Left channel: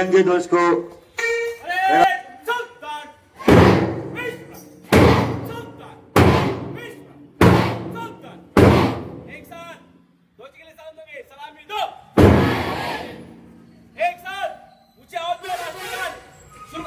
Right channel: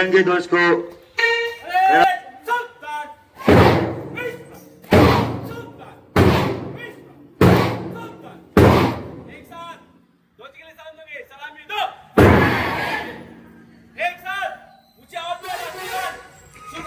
तिरंगे ध्वज को शुरू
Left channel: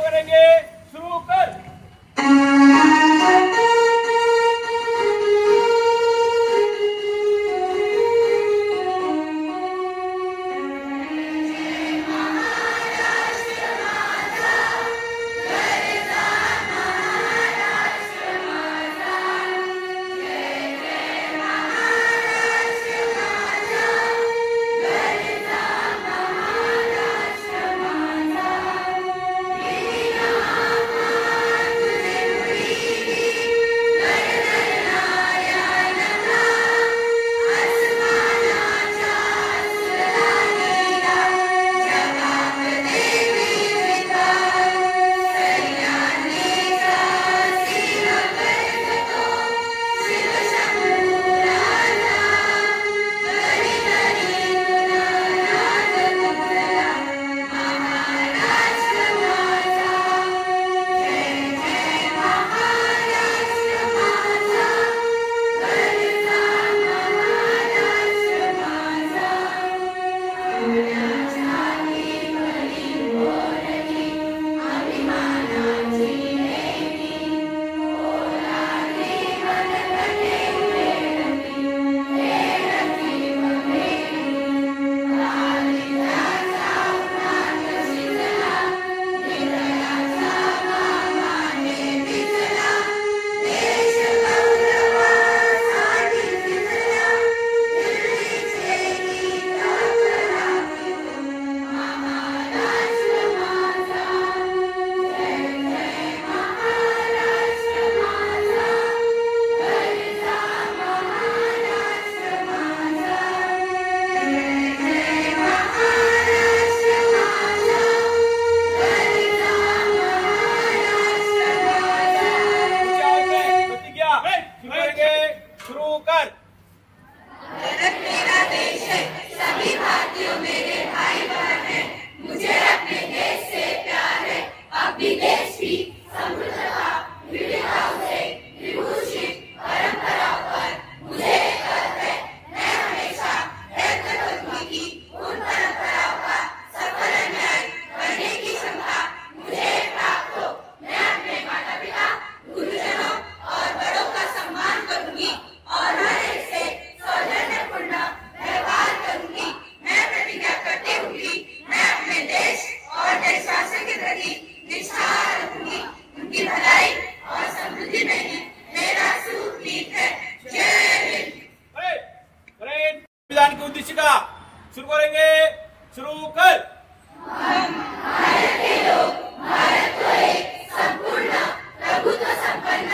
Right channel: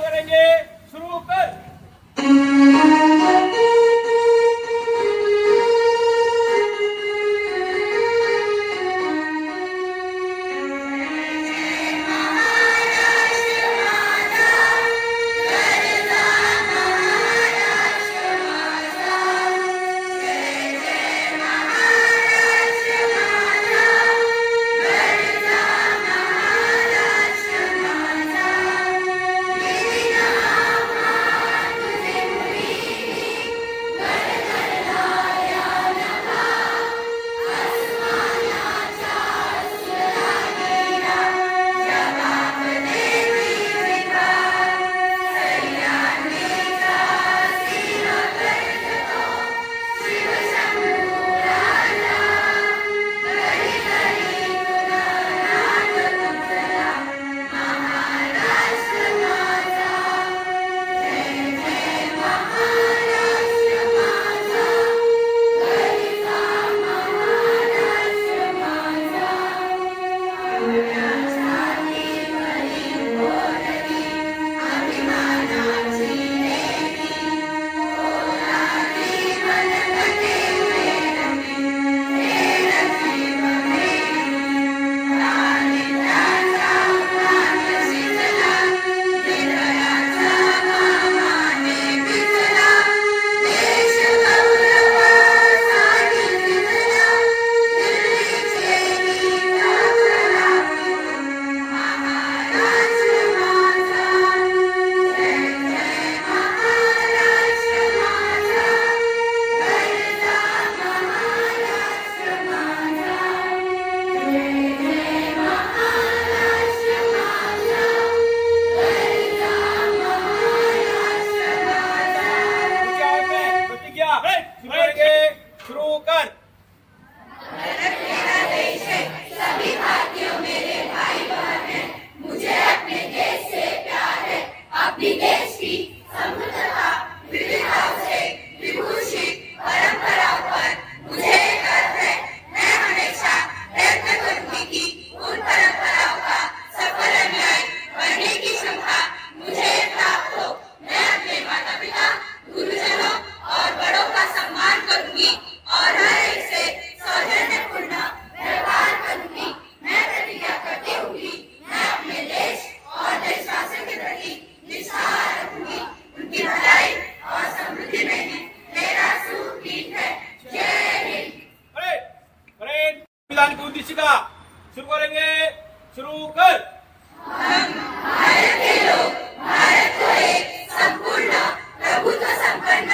करेंगे। शुरू कर। शुरू कर। मेरा देश है, सभी भारतीयों मेरे भाई बहन हैं। मुझे अपने देश से प्यार है। अपनी देश की समृद्धता विविधताओं से विभूषित परंपराओं पर मुझे गर्व है। मैं हमेशा प्रयत्न करूंगी कि उन परंपराओं का सफल अनुयायी बनने की क्षमता मुझे प्राप्त हो। मैं अपने माता पिता, गुरुजनों और बड़ों का सम्मान करूंगी और हर एक से सौजन्यपूर्ण व्यवहार करूंगी। मैं प्रतिज्ञा करती हूँ कि मैं अपने देश और देशवासियों के प्रति निष्ठा रखूंगी। उनकी भलाई और समृद्धि में ही मेरा सुख है। जय हिंद। संविधान की उद्देशिका शुरू करेंगे। शुरू कर। हम भारत के लोग भारत को एक संपूर्ण प्रभुत्व संपन्न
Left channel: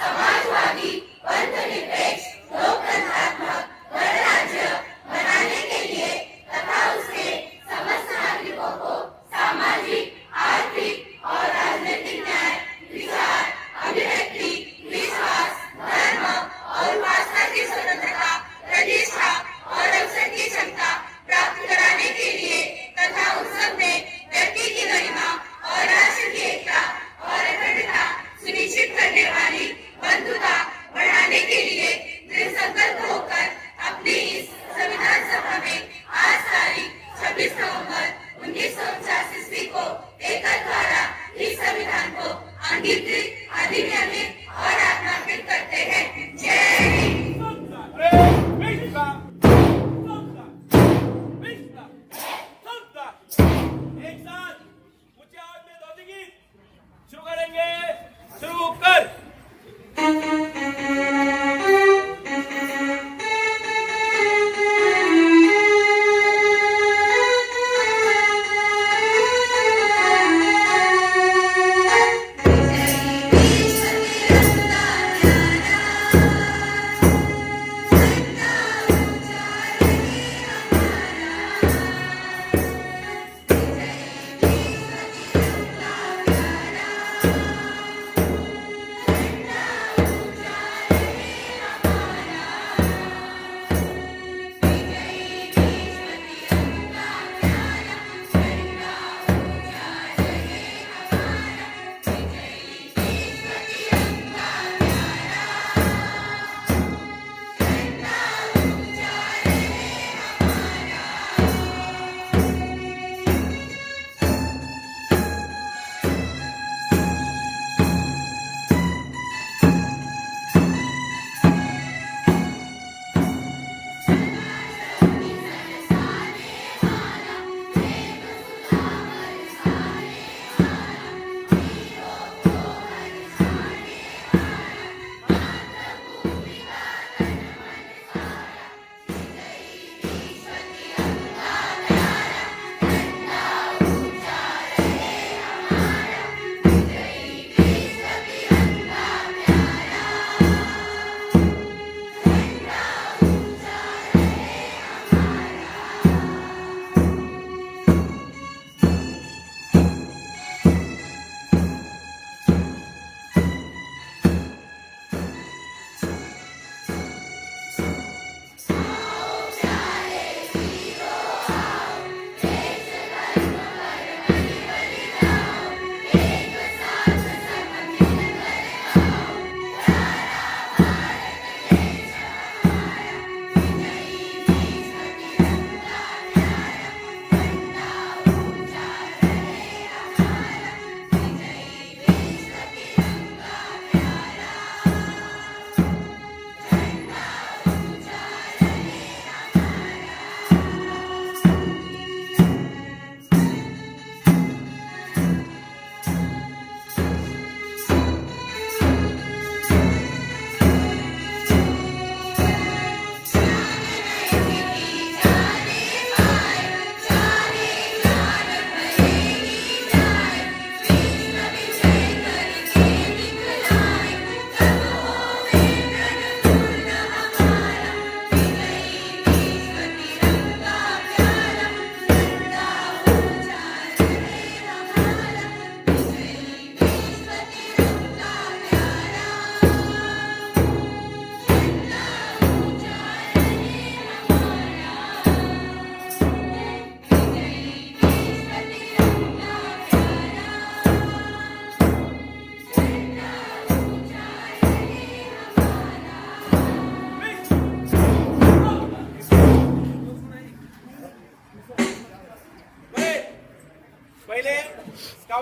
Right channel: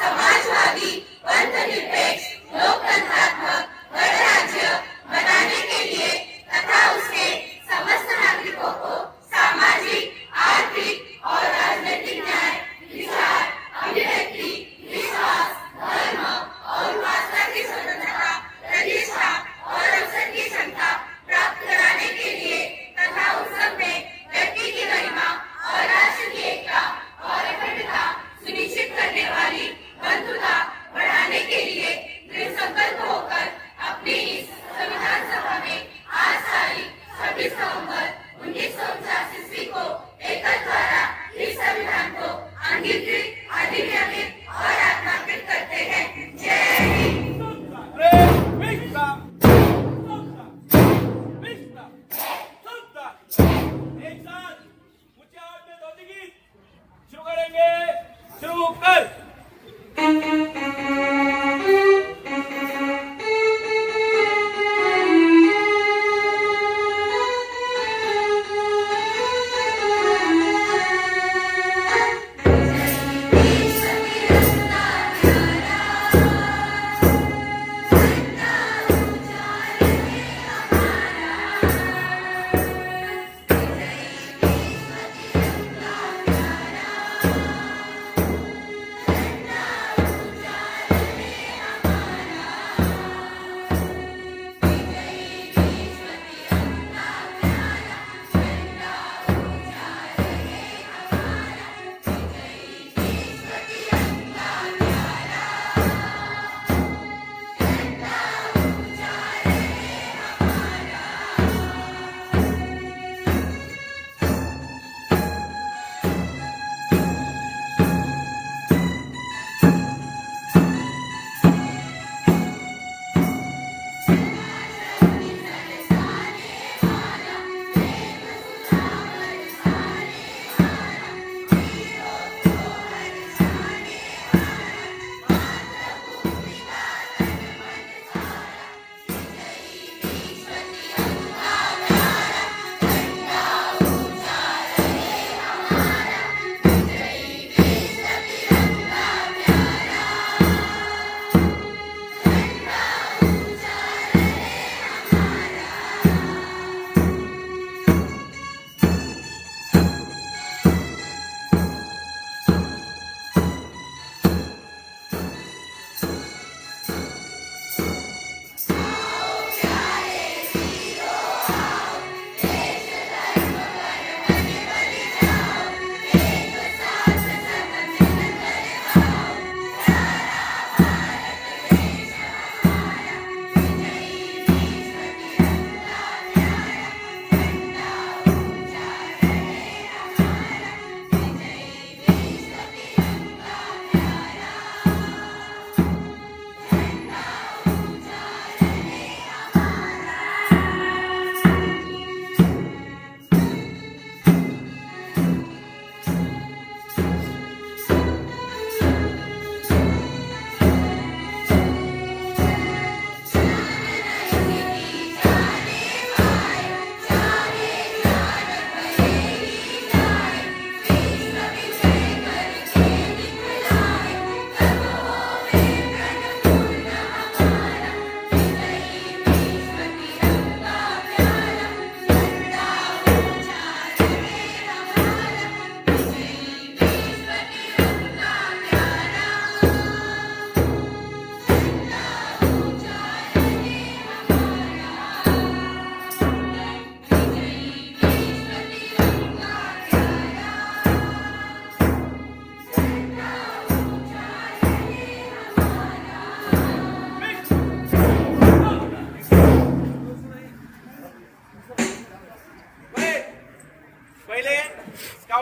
समाजवादी धर्मनिरपेक्ष लोकतंत्रात्मक गणराज्य बनाने के लिए तथा उसके समस्त नागरिकों को सामाजिक, आर्थिक और राजनीतिक न्याय, विचार, अभिव्यक्ति,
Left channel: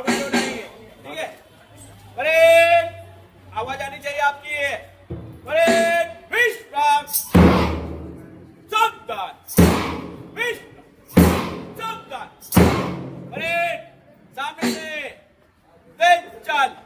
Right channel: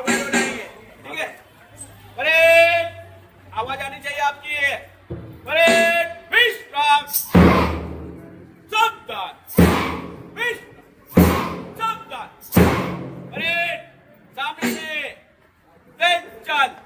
साउंड हो जाएंगे, ठीक है। परेड, आवाज आनी चाहिए आपकी। परेड, विश्राम, सावधान, विश्राम, सावधान। परेड, सामने से तेज चल।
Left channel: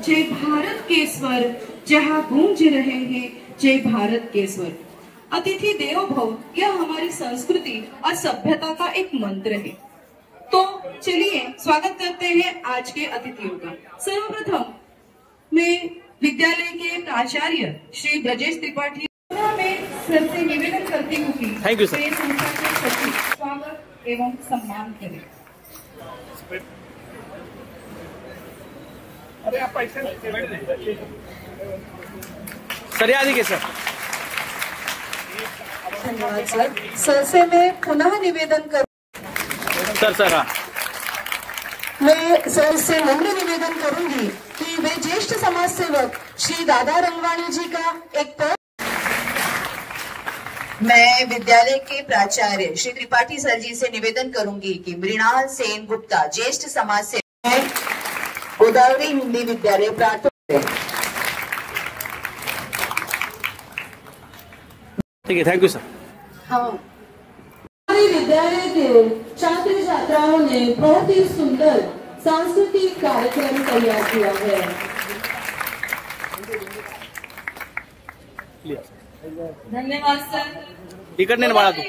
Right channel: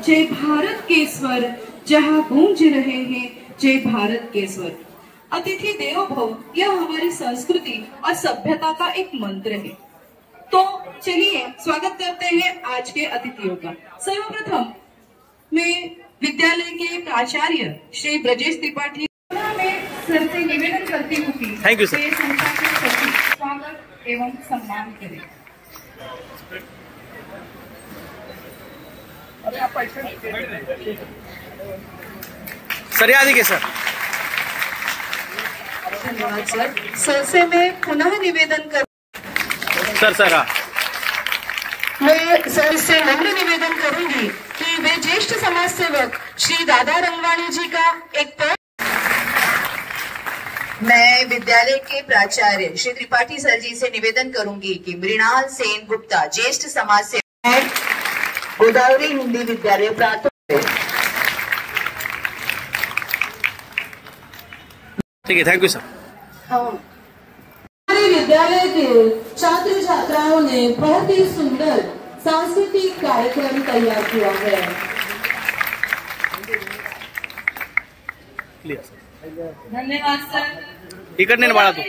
जय भारत के स्वर, जहाँ गूंज रहे हैं जय भारत के स्वर। अतिथि देवो भव यह हमारी संस्कृति और सभ्यता का एक मंत्र है। तो चलिए स्वागत करते हैं आज के अतिथियों का। सर्वप्रथम मैं विद्यालय के प्राचार्य श्री ब्रजेश त्रिपाठी सर से निवेदन करती हूँ कि थैंक यू सर। संस्था के सचिव स्वागत एवं सम्मान करें। सर याद है सर। धन्यवाद सर। सर से मैं पुनः निवेदन कर सर हाँ। मैं सर से नम्र निवेदन करूंगी कि वे ज्येष्ठ समाज सेवक श्री दादा रंगवाणी जी का एक मैं विद्यालय के प्राचार्य श्री त्रिपाठी सर जी से निवेदन करूंगी कि मृणाल सेन गुप्ता ज्येष्ठ समाज सेवक गोदावरी हिंदी विद्यालय प्राथमिक। ठीक है, थैंक यू सर। हमारे विद्यालय के छात्र छात्राओं ने बहुत ही सुंदर सांस्कृतिक कार्यक्रम तैयार किया है। धन्यवाद सर। टिकट नहीं बाड़ा तू।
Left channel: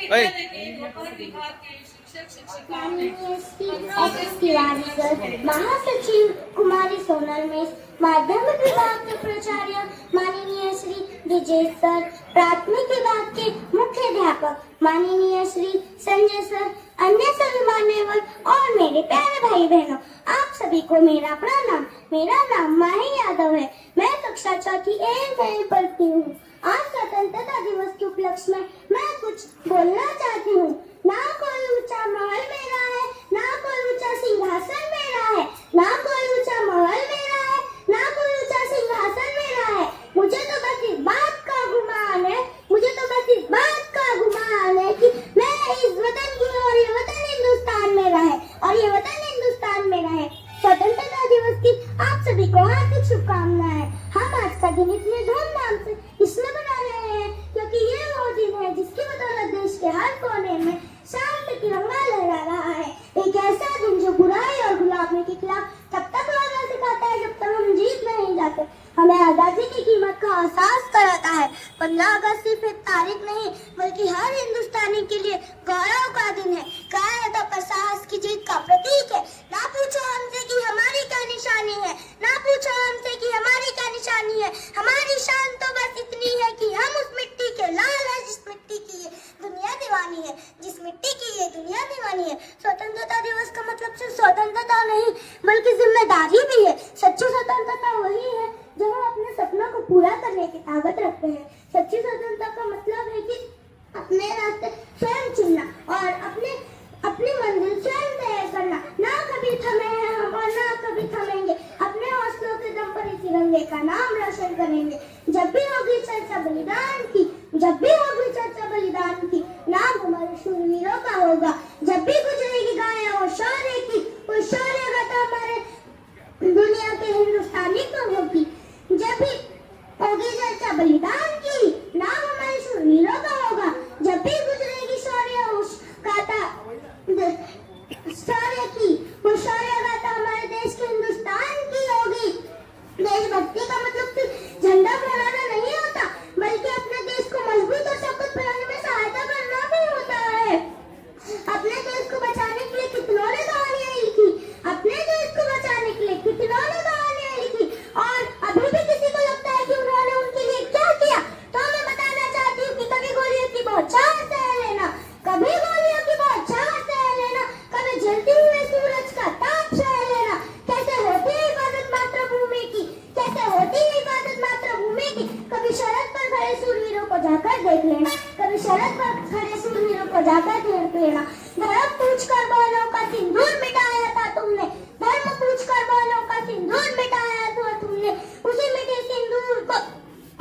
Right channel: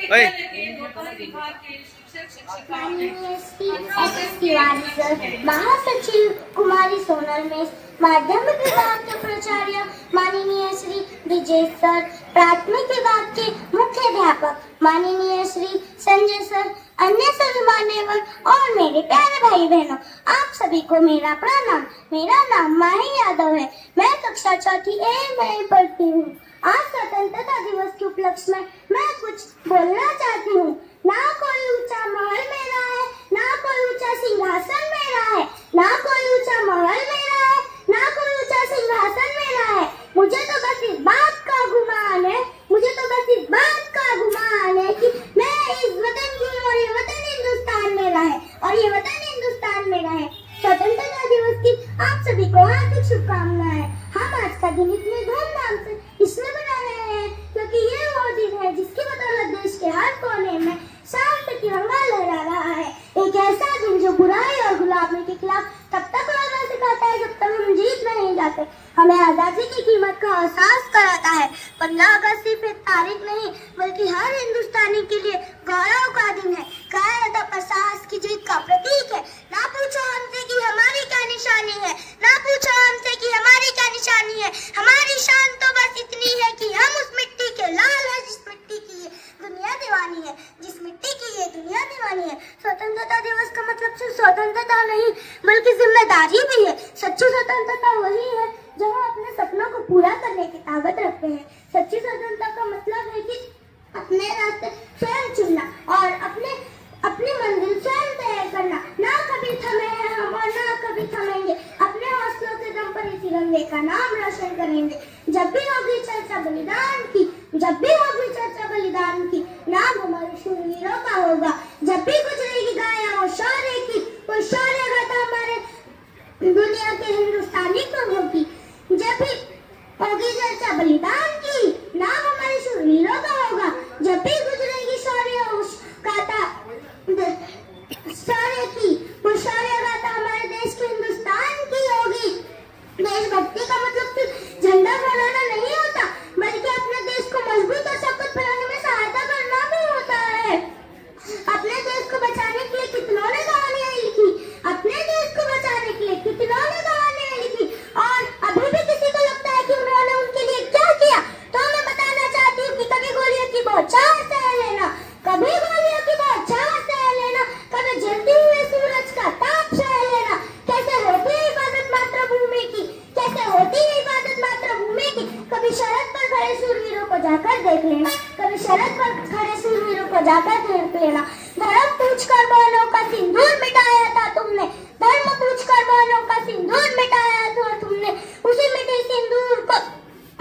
महासचिव कुमारी सोनल मिस, माध्यमिक विभाग के प्राचार्य माननीय श्री विजय सर, प्राथमिक विभाग के मुख्याध्यापक माननीय श्री संजय सर, अन्य सभी मान्यवर और मेरे प्यारे भाई बहनों, आप सभी को मेरा प्रणाम। मेरा नाम माही यादव है। मैं कक्षा चौथी ए में पढ़ती हूँ। आज स्वतंत्रता दिवस के उपलक्ष्य में मैं कुछ बोलना चाहती हूँ। ना कोई ऊंचा महल मेरा है, ना कोई ऊंचा सिंहासन मेरा है, ना कोई ऊंचा महल मेरा है, ना कोई ऊंचा सिंहासन मेरा है। मुझे तो बस इस बात का गुमान है, मुझे तो बस इस बात का गुमान है कि मैं इस वतन की हूँ और ये वतन हिंदुस्तान मेरा है और ये वतन हिंदुस्तान मेरा है। स्वतंत्रता दिवस की आप सभी को हार्दिक शुभकामनाएं। हम आज का दिन इतने धूमधाम से इसलिए मना रहे हैं क्योंकि ये वो दिन है जिसकी बदौलत देश के हर कोने में शांति तिरंगा लहरा रहा है। एक ऐसा दिन जो बुराई और गुलामी के खिलाफ तब तक लड़ना सिखाता है जब तक हम जीत नहीं जाते, हमें आजादी की कीमत का एहसास कराता है। 15 अगस्त सिर्फ एक तारीख नहीं बल्कि हर हिंदुस्तानी के लिए गौरव का दिन है। कायरता पर साहस की जीत का प्रतीक है। ना पूछो हमसे कि हमारी क्या निशानी है, ना पूछो हमसे कि हमारी क्या निशानी है। हमारी शान तो बस इतनी है कि हम उस मिट्टी के लाल है जिस मिट्टी की ये दुनिया दीवानी है, जिस मिट्टी की ये दुनिया दीवानी है। स्वतंत्रता दिवस का मतलब सिर्फ स्वतंत्रता नहीं बल्कि जिम्मेदारी भी है। सच्ची स्वतंत्रता वही है जब हम अपने सपनों को पूरा करने की ताकत रखते हैं। सच्ची स्वतंत्रता का मतलब है कि अपने रास्ते स्वयं चुनना और अपनी मंजिल स्वयं तय करना। ना कभी थमे हैं हम और ना कभी थमेंगे। अपने हौसलों के दम पर इस तिरंगे का नाम रोशन करेंगे। जब भी होगी चर्चा बलिदान की, जब भी होगी चर्चा बलिदान की, नाम हमारे शूरवीरों का होगा। जब भी गुजरेगी गाया हो शौर्य की, वो शौर्य गाथा हमारे दुनिया के हिंदुस्तानी को होगी। जब भी होगी चर्चा बलिदान की, नाम हमारे शूरवीरों का होगा। जब भी गुजरेगी शौर्य गाथा शौर्य की, वो शौर्य गाथा हमारे देश के हिंदुस्तान की होगी। देशभक्ति का मतलब सिर्फ झंडा फहराना नहीं होता बल्कि अपने देश को मजबूत और शक्ति बनाने में सहायता करना भी होता है। अपने देश को बचाने के लिए कितनों ने कहानियां लिखी, अपने देश को बचाने के लिए कितनों ने कहानियां लिखी और अभी भी किसी को लगता है कि उन्होंने उनके लिए क्या किया, तो मैं बताना चाहती हूँ कि कभी गोलियों की बौछार सह लेना, कभी गोलियों की बौछार सह लेना, कभी जलते हुए सूरज का ताप सह लेना। कैसे होती है हिफाजत मातृभूमि की, कैसे होती है हिफाजत मातृभूमि की। कभी सरहद पर खड़े सूरवीरों को जाकर देख लेना, कभी सरहद पर खड़े सूरवीरों को जाकर देख लेना। धर्म पूछकर बहनों का सिंदूर मिटाया था तुमने, धर्म पूछकर बहनों का सिंदूर मिटाया था तुमने। उसी मिटे सिंदूर को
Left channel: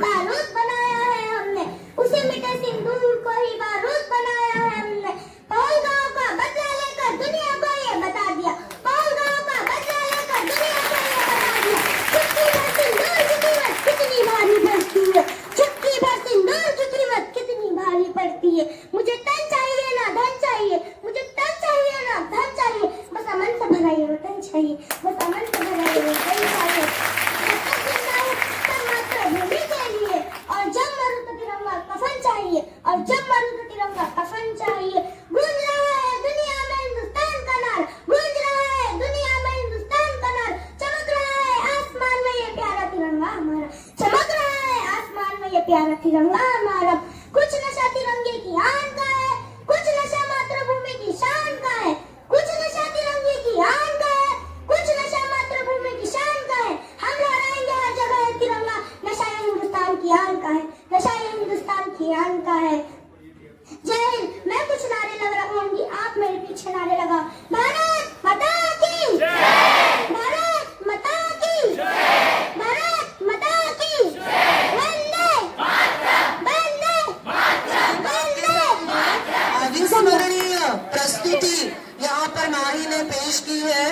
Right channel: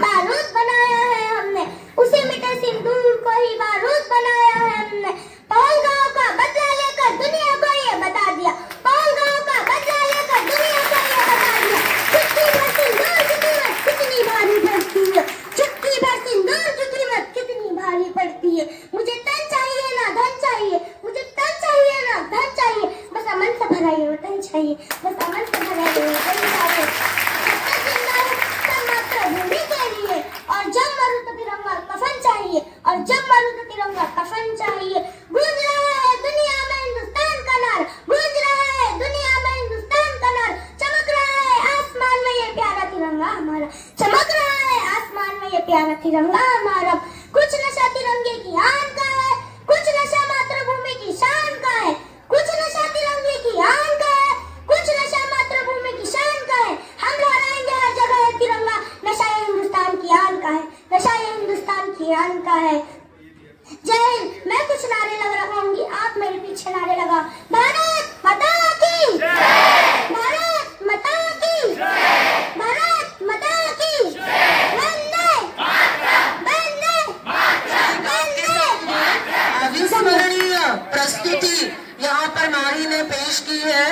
बारूद बनाया है हमने, उसी मिटे सिंदूर को ही बारूद बनाया है हमने। पहलगांव का बदला लेकर दुनिया को ये बता दिया, पहलगांव का बदला लेकर दुनिया को ये बता दिया। चुटकी भर सिंदूर की कीमत कितनी भारी पड़ती है, चुटकी भर सिंदूर की कीमत कितनी भारी पड़ती है। मुझे तन चाहिए ना धन चाहिए, मुझे तन चाहिए ना धन चाहिए, बस अमन से भरा ये वतन चाहिए, बस अमन से भरा ये वतन चाहिए। तिरंगा हमारा। कुछ नशा तिरंगे की आन का है, कुछ नशा मातृभूमि की शान का है। कुछ नशा तिरंगे की आन का है, कुछ नशा मातृभूमि की शान का है। हम लहराएंगे हर जगह है तिरंगा, नशा ये हिंदुस्तान की आन का है, नशा ये हिंदुस्तान की आन का है। जय हिंद। मैं कुछ नारे लगाऊंगी, आप मेरे पीछे नारे लगा। भारत माता की जय, भारत माता की जय, भारत माता की जय, वंदे मातरम, वंदे मातरम, वंदे मातरम। अविस्मरणीय प्रस्तुति यहाँ पर माही ने पेश की है,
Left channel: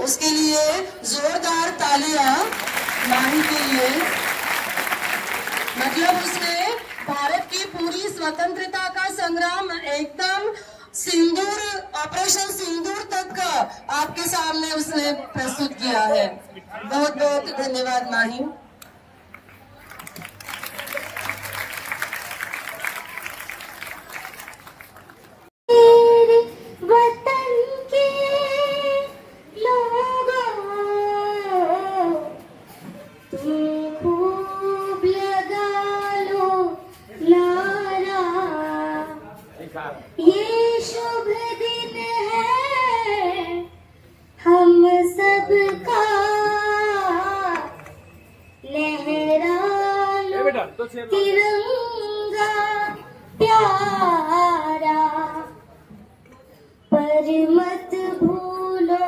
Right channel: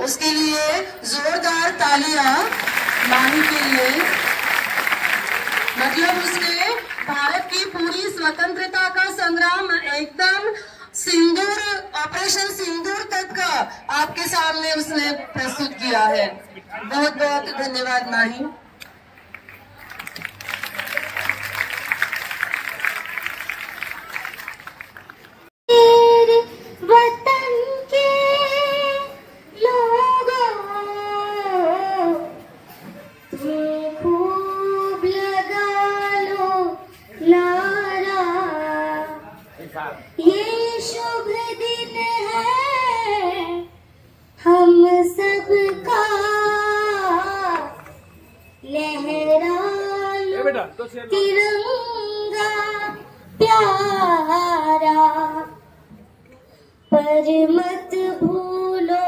उसके लिए जोरदार तालियां माही के लिए। मतलब उसने भारत की पूरी स्वतंत्रता का संग्राम एकदम सिंदूर, ऑपरेशन सिंदूर तक का आपके सामने उसने प्रस्तुत किया है। बहुत बहुत धन्यवाद माही। वतन के लोगों खूब लगा लो नारा, ये शुभ दिन है हम सबका, लहरा लो तिरंगा प्यारा, पर मत भूलो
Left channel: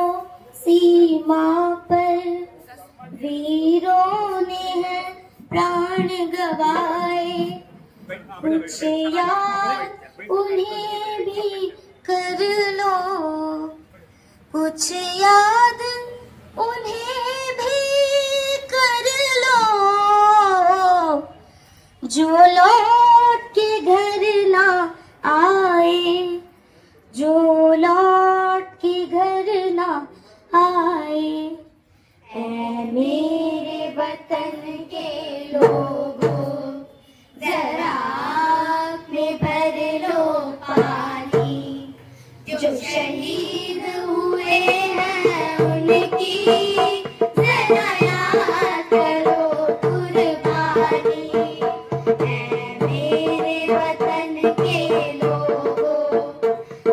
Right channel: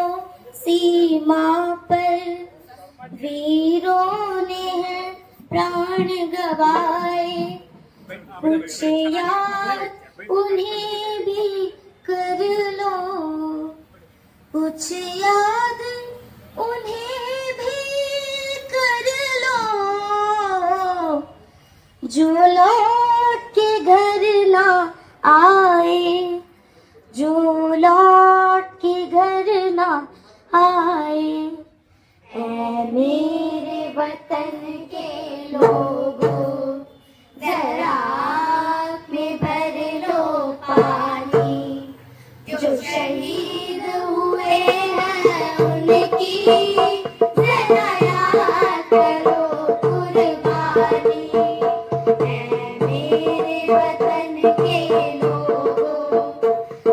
सीमा पर वीरों ने है प्राण गवाए। कुछ याद उन्हें भी कर लो, कुछ याद उन्हें भी कर लो, जो लौट के घर ना आए, जो लौट के घर ना आए। ऐ मेरे वतन के लोगों, जरा आँख में भर लो पानी, जो शहीद हुए हैं उनकी जरा याद करो कुर्बानी। ऐ मेरे वतन के लोगों,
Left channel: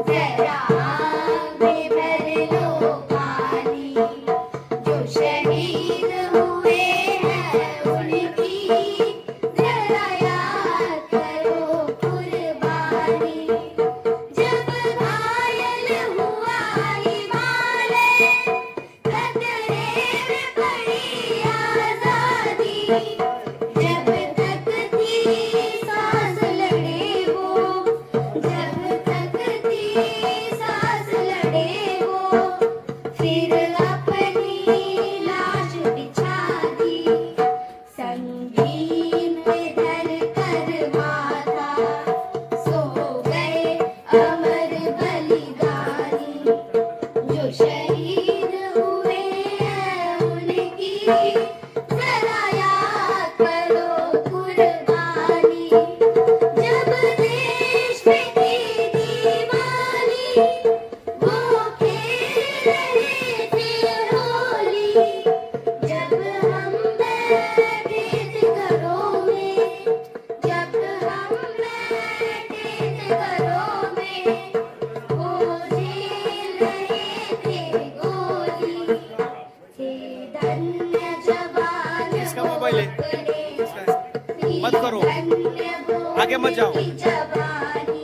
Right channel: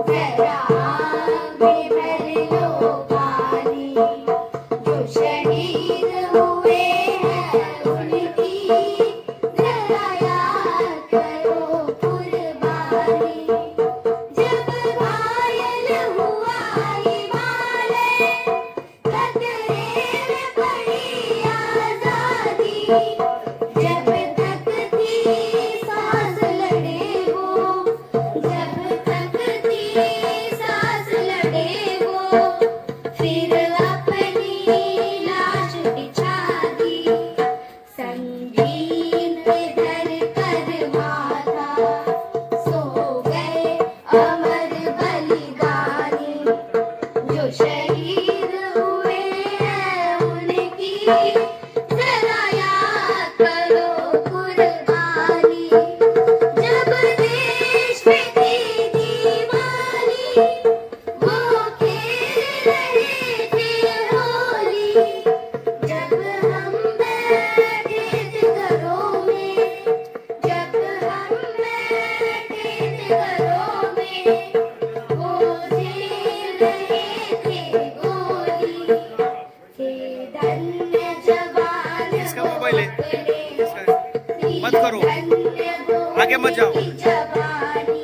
जरा आँख में भर लो पानी, जो शहीद हुए हैं उनकी जरा याद करो कुर्बानी। जब घायल हुआ हिमालय, खतरे में पड़ी आजादी, जब तक थी सांस लड़े वो, जब तक थी सांस लड़े वो, फिर अपनी लाश बिछा दी, संगीन में धर कर माथा, सो गए अमर बलिदानी, जो शहीद हुए हैं उनकी जरा याद करो कुर्बानी। जब देश पे थी दीवानी, वो खेल रहे थे होली, जब हम बैठे थे घरों में, जब हम बैठे थे घरों में, वो झेल रहे थे गोली, थे धन्य जवान इसका मोबाइल है, अपने, मत करो, आगे मत जाओ। जवानी,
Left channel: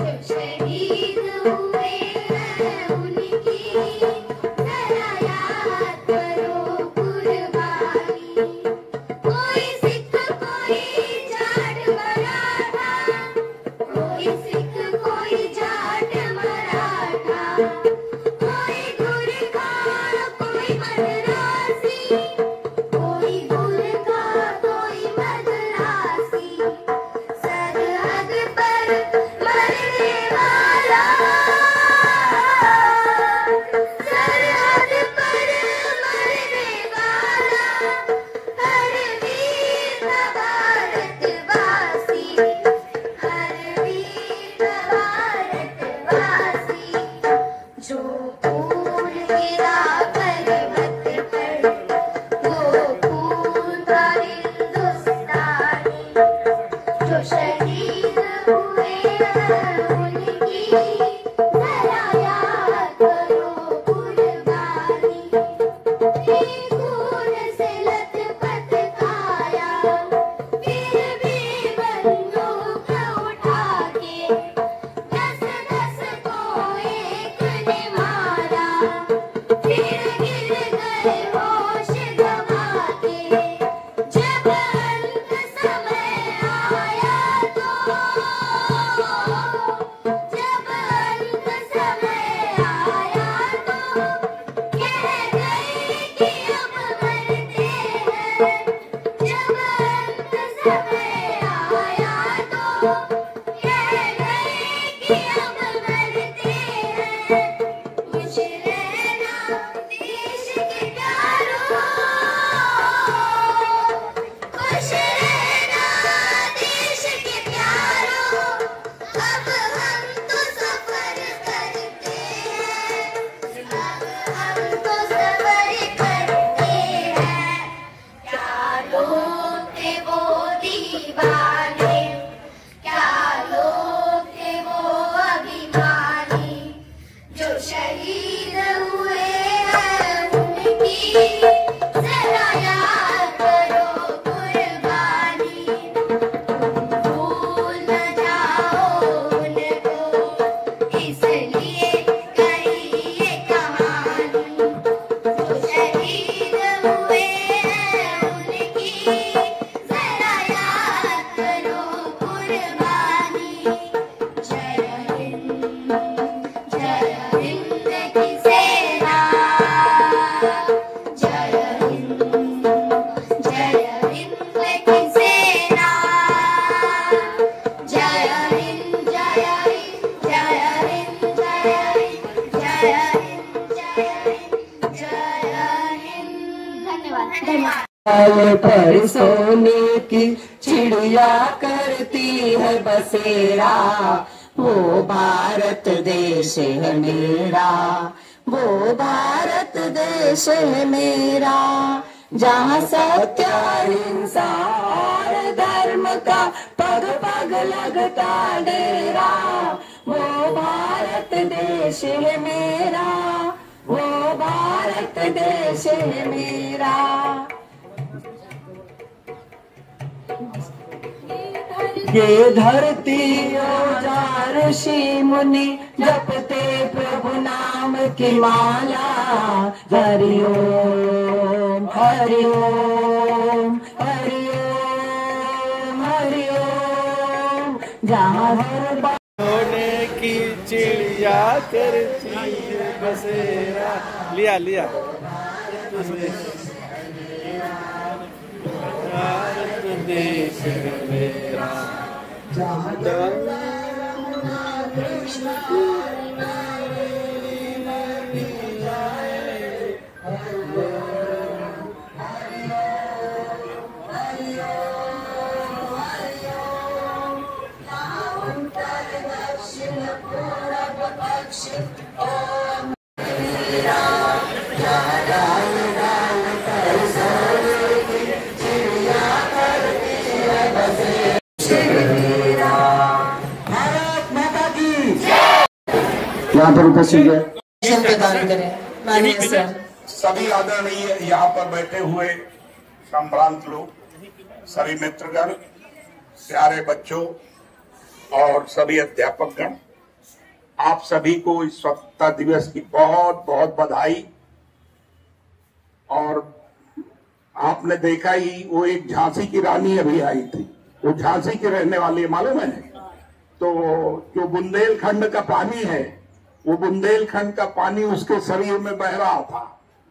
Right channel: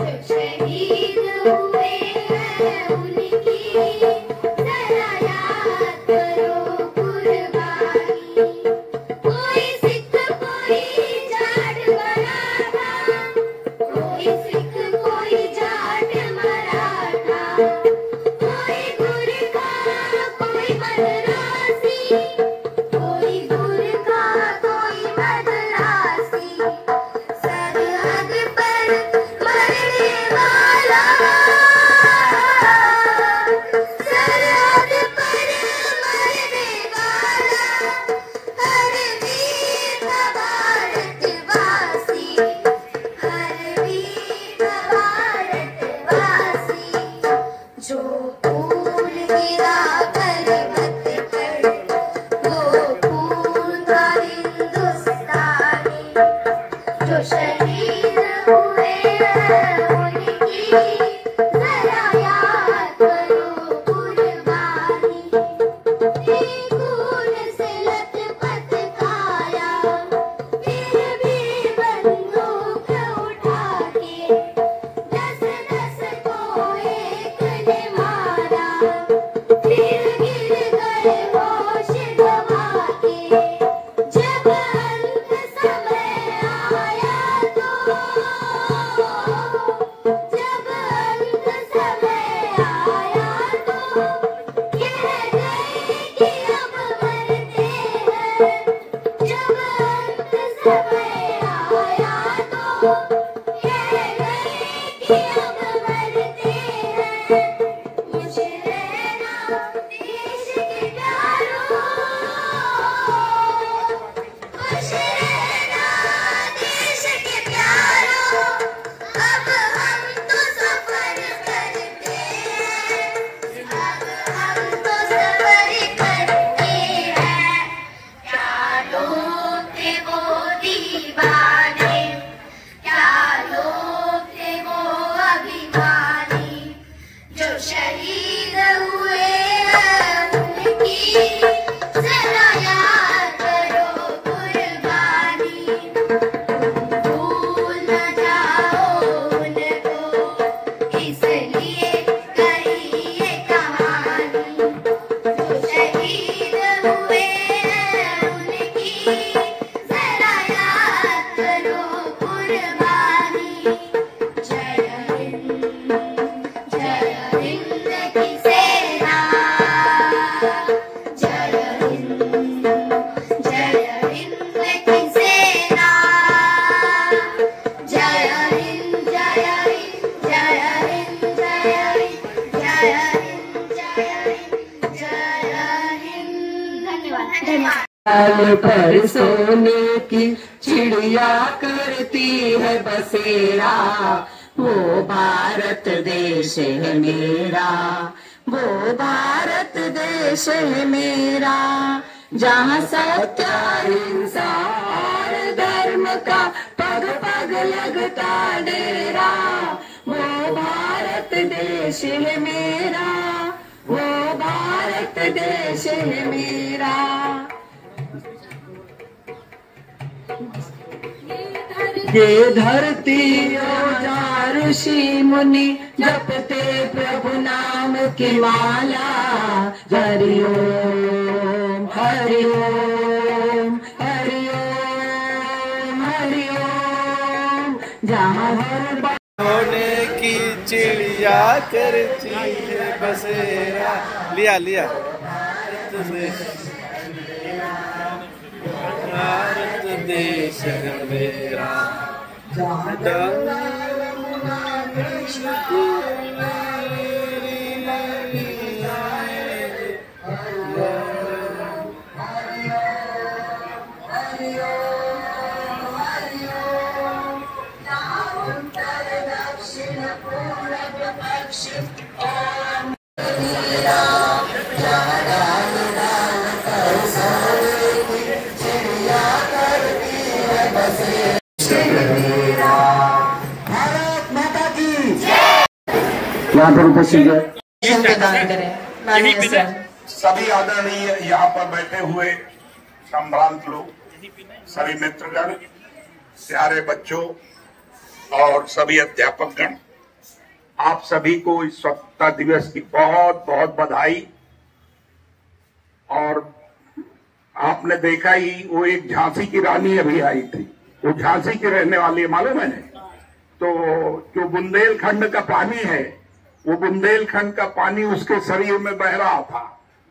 जो शहीद हुए हैं उनकी जरा याद करो कुर्बानी। कोई सिख कोई जाट मराठा, कोई सिख कोई जाट मराठा, कोई गुरखा कोई मद्रासी, कोई गुरखा कोई मद्रासी, सरहद चलिए करिए कहानी, जो शहीद हुए हैं उनकी जरा याद करो कुर्बानी। जय हिंद की सेना, जय हिंद की सेना, जय हिंद जय हिंद जय हिंद जय हिंद जय हिंद जय हिंद। धन्यवाद धन्यवाद। साल पर सोने की चिड़िया करती है बसेरा, वो भारत देश है मेरा, वो भारत देश है मेरा। जहाँ सत्य अहिंसा और धर्म का पग पग लगता डेरा, वो भारत देश है मेरा, वो भारत देश है मेरा। ये धरती और ऋषि मुनि जपते प्रभु नाम की माला, हरिओम हरिओम हरिओम हरिओम। जहाँ हर सोने की चिड़िया करती है बसेरा। लिया लिया भारत देश है मेरा। यहाँ पर उपस्थित है सभी आदरणीय यहाँ पर बैठे हुए संभ्रांत लोग, सभी मित्रगण, प्यारे बच्चों और सभी अध्यापकगण, आप सभी को इस स्वतंत्रता दिवस की बहुत बहुत बधाई। और आपने देखा ही, वो एक झांसी की रानी अभी आई थी, वो झांसी की रहने वाली है, मालूम है। तो जो बुंदेलखंड का पानी है, वो बुंदेलखंड का पानी उसके शरीर में बह रहा था।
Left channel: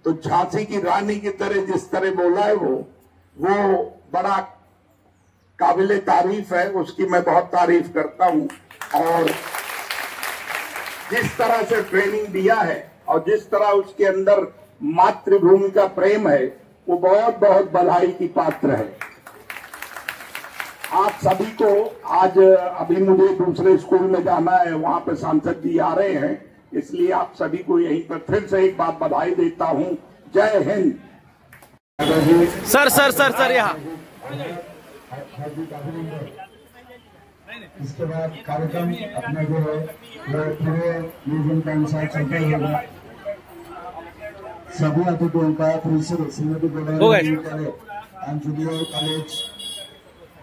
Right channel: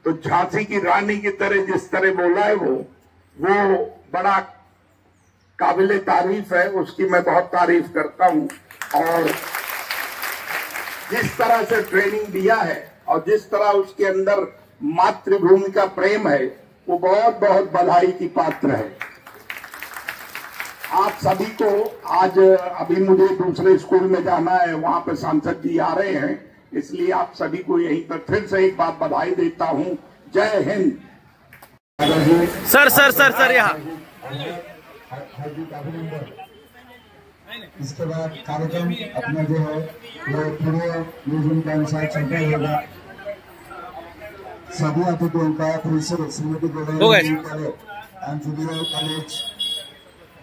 तो झांसी की रानी की तरह जिस तरह बोला है वो बड़ा काबिले तारीफ है, उसकी मैं बहुत तारीफ करता हूं। और जिस तरह से ट्रेनिंग दिया है और जिस तरह उसके अंदर मातृभूमि का प्रेम है, वो बहुत बहुत बधाई की पात्र है। आप सभी को आज, अभी मुझे दूसरे स्कूल में जाना है, वहां पे सांसद जी आ रहे हैं, इसलिए आप सभी को यहीं पर फिर से एक बार बधाई देता हूं। जय Hind. Sir sir sir sir यहाँ। इसके बाद कार्यक्रम अपना जो है वो पूरे म्यूजियम का अनुसार चलता होगा। सभी अतिथियों का श्रीमती कॉलेज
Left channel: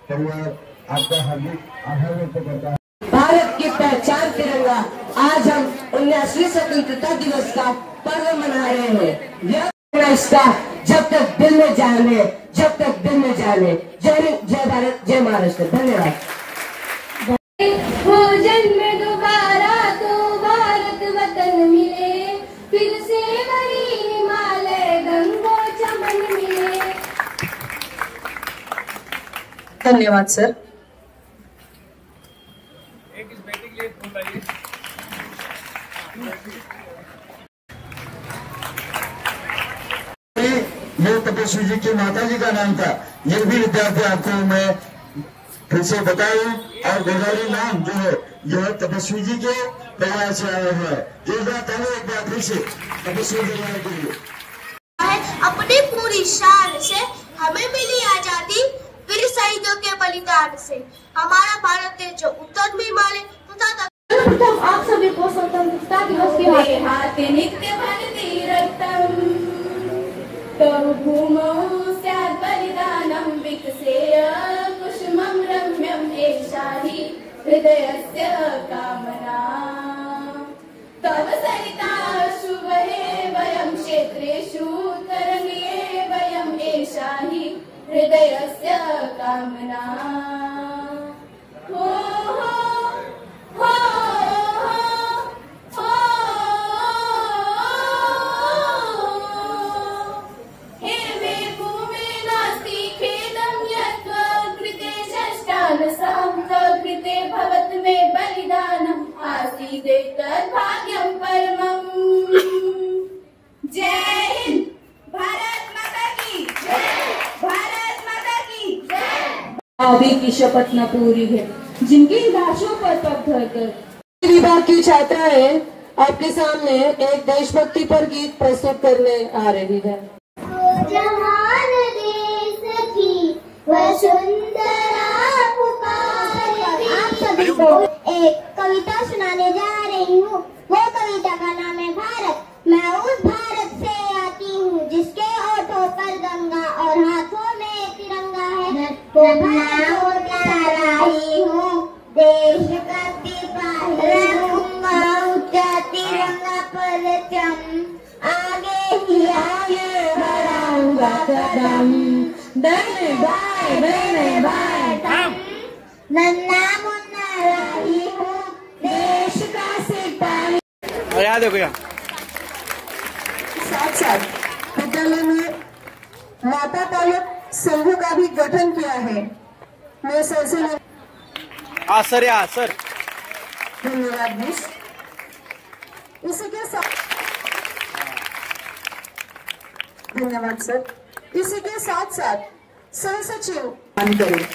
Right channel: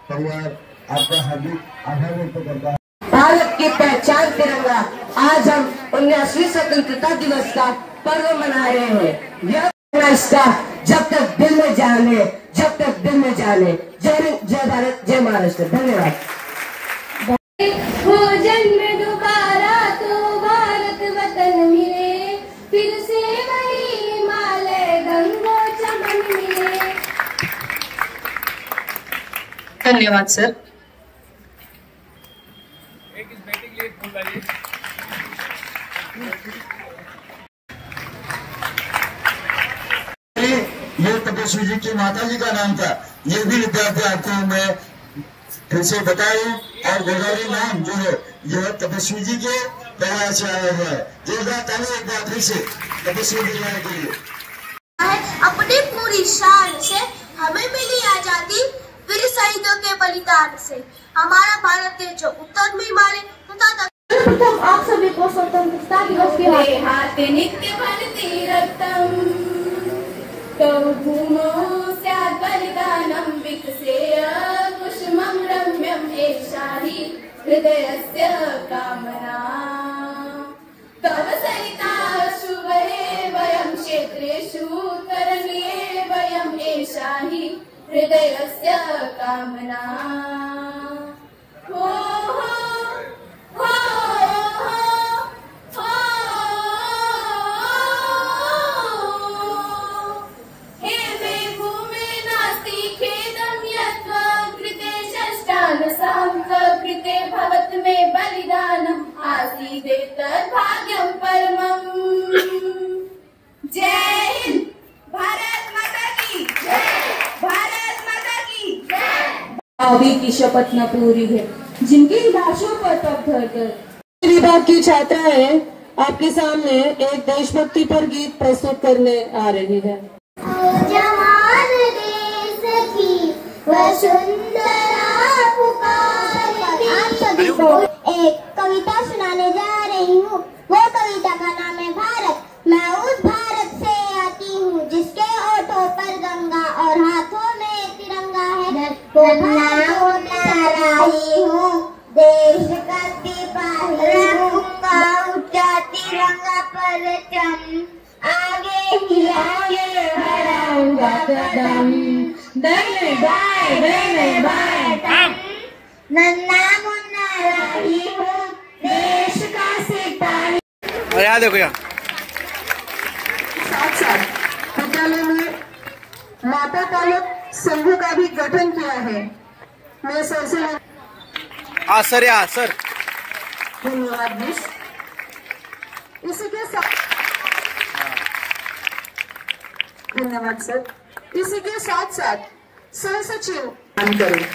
परिवार आपका हार्दिक आभार व्यक्त करता है। भारत की पहचान तिरंगा, आज हम 19वीं स्वतंत्रता दिवस का पर्व मना रहे हैं। यह इसका जब तक दिल में जाने, जब तक दिल में जाने। जय भारत, जय महाराष्ट्र। धन्यवाद। हो जन्म दोबारा तो भारत वतन मिले, फिर से बड़ी हिमालय गंगो चमन मिले। धन्यवाद सर। एक इस बेटे के लिए फूल लाइए। ये तपस्वी जी की माता जी का नाम था। ये भी विद्यार्थी आपको मैं फिर से बताऊं। और गोदावरी नाम जो है यह तपस्वी जी के परिवार से आया हुआ है। एक बार फिर से तपस्वी परिवार के लिए अपनी पूरी शान से हमें मिली आजादी, वीर शहीदों के बलिदान से। हमारा भारत देश जो उत्तर में हिमालय तथा आप सभी को स्वतंत्रता दिवस के लिए हाथ नित्य भारतीय रक्तम तव भूमौ स्यात् बलिदानं विकसेय कुसुमं रम्यं एषा हि हृदयस्य कामना। क्षेत्रेषु तरण्ये वयम् एषा हि हृदयस्य कामना। हो हो हो हे मे भूमे नास्ति खेदं यत्त्वकृते षष्ठानसाङ्ककृते भवत् मे बलिदानम् आसीदेतद्भाग्यं परमम्। जय हिंद, भारत माता की जय, भारत माता की जय। अभी की शपथ न पूरी है जिनकी लाशों पर तब धर विभाग की छात्राएं आपके सामने एक देशभक्ति पर गीत प्रस्तुत करने आ रही है। जहान देश की वसुंधरा पुकारे। आप सभी को एक कविता सुनाने जा रही हूँ। वो कविता का नाम है भारत। मैं उस भारत से आती हूँ जिसके होठों पर गंगा और हाथों में तिरंगा है। रही हूँ देश का सिपाही हूँ। ऊंचा तिरंगा परचम आगे ही आगे बढ़ाऊंगा कदम। दाएं बाएं नन्ना मुन्ना रही हूँ देश का सिपाही। और यहाँ देखो यहाँ साथ साथ विद्यालय में माता पालक संघ का भी गठन किया है। मैं सर से सर यहाँ सर। धन्यवाद मिस। इसी के साथ धन्यवाद सर। इसी के साथ साथ सह सचिव करें।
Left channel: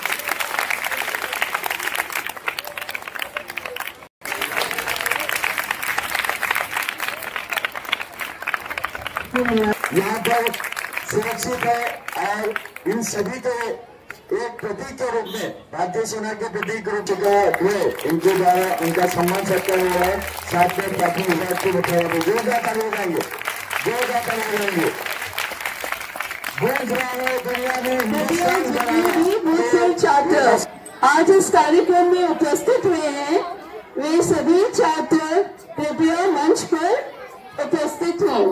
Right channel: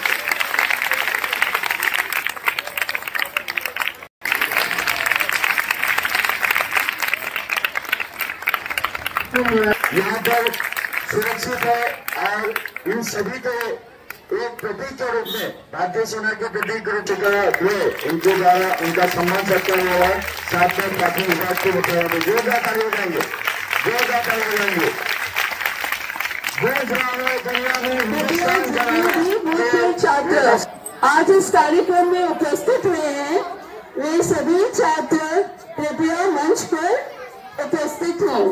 यहाँ पर सुरक्षित है और इन सभी को एक प्रतीक के रूप में भारतीय सेना के प्रतीक रूप में इनके द्वारा उनका सम्मान सत्कार हुआ है। साथ में प्राथमिक विभाग के बताया जोरदार हो जाएंगे, जोरदार हो जाएंगे। छात्र आज इस कार्यक्रम में उपस्थित हुए हैं। वे सभी छात्र कृपया मंच पर उपस्थित हों।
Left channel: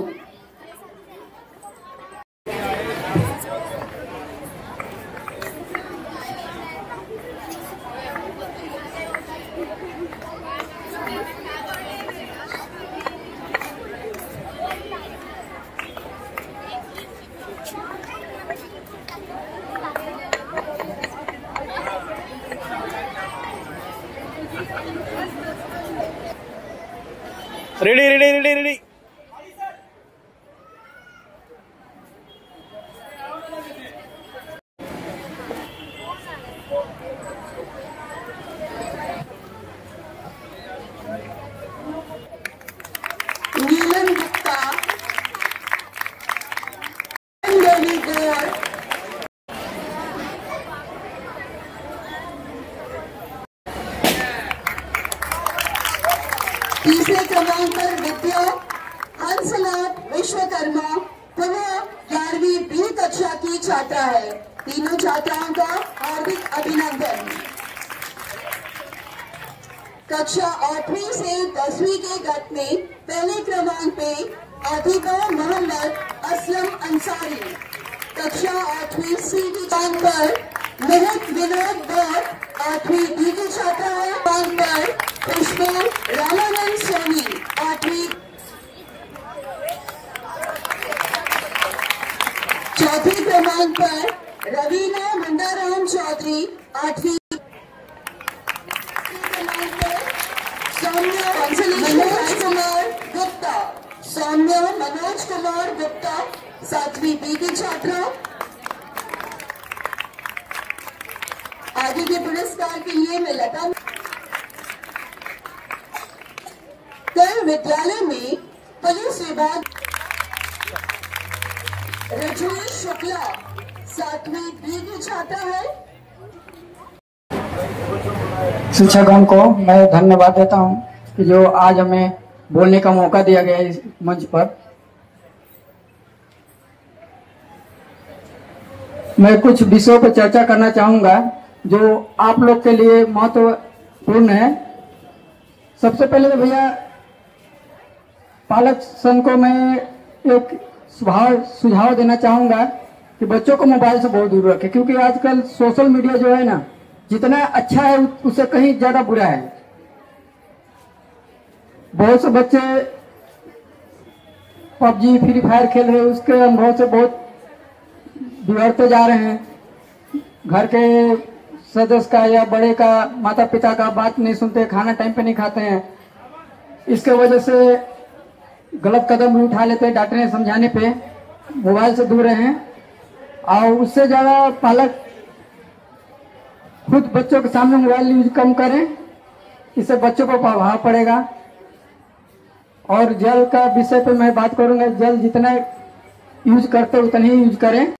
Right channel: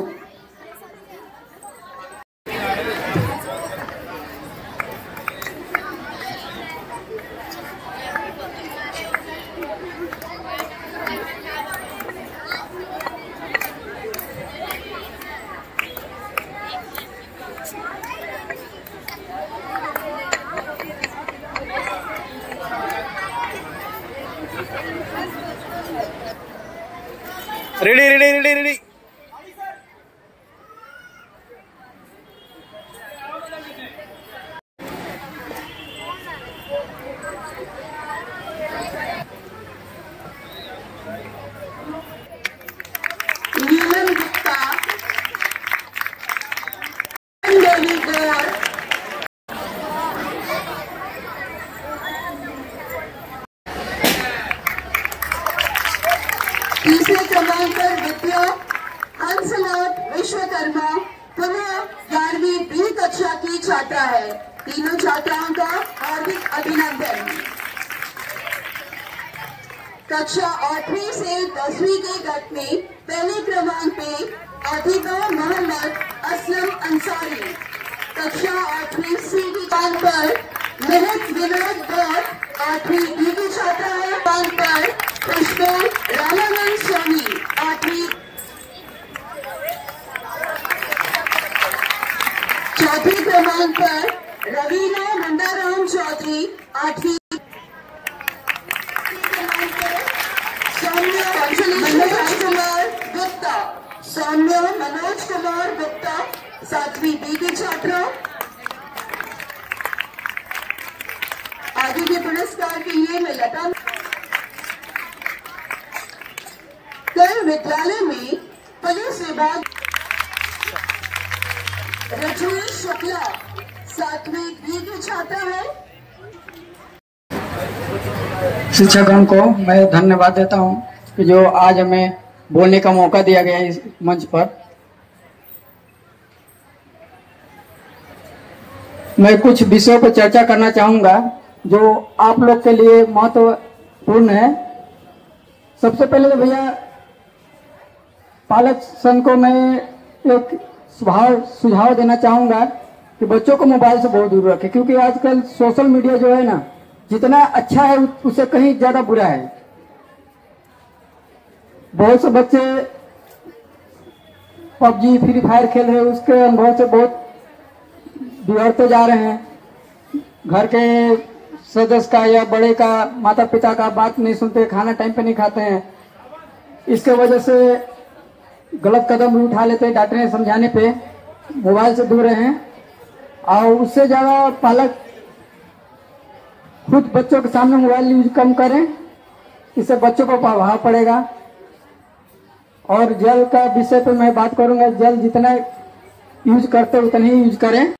Ready ready ready ready. Neelam Gupta, तीसरे क्रमांक पर विद्या हंसलाल विश्वकर्मा पुनः 11वीं बी कक्षा की छात्रा है। तीनों छात्राओं का हार्दिक अभिनंदन। कक्षा 8वीं से 10वीं के गट में पहले क्रमांक पे अधिका मोहम्मद असलम अंसारी। कक्षा 8वीं सी की स्थान पर महक विनोद गौर 8वीं बी की छात्रा है। स्थान पर पुष्पा रामानंद स्वामी 8वीं। चौथे क्रमांक पर रवीना मंदाराम चौधरी 8वीं। सौम्य मनोज कुमार गुप्ता 7वीं बी की छात्रा। आगे के पुरस्कार के लिए मैं लता। कल विद्यालय में पुलिस विभाग रजनीश शुक्ला 7वीं बी की छात्रा है। शिक्षकों को मैं धन्यवाद देता हूं कि जो आज हमें बोलने का मौका दिया गया इस मंच पर। मैं कुछ विषयों पर चर्चा करना चाहूंगा जो आप लोग के लिए महत्वपूर्ण है। सबसे पहले तो भैया पालक संघ को मैं एक सुझाव देना चाहूंगा कि बच्चों को मोबाइल से बहुत दूर रखें, क्योंकि आजकल सोशल मीडिया जो है ना, जितना अच्छा है उससे कहीं ज्यादा बुरा है। बहुत से बच्चे पबजी फ्री फायर खेल रहे हैं, उसके अनुभव से बहुत बिगड़ते जा रहे हैं। घर के सदस्य का या बड़े का, माता पिता का बात नहीं सुनते, खाना टाइम पे नहीं खाते हैं। इसके वजह से गलत कदम भी उठा लेते हैं। डांटने समझाने पे मोबाइल से दूर रहें, और उससे ज्यादा पालक खुद बच्चों के सामने मोबाइल यूज कम करें, इससे बच्चों को प्रभाव पड़ेगा। और जल का विषय पे मैं बात करूंगा, जल जितना यूज करते उतना ही यूज करें।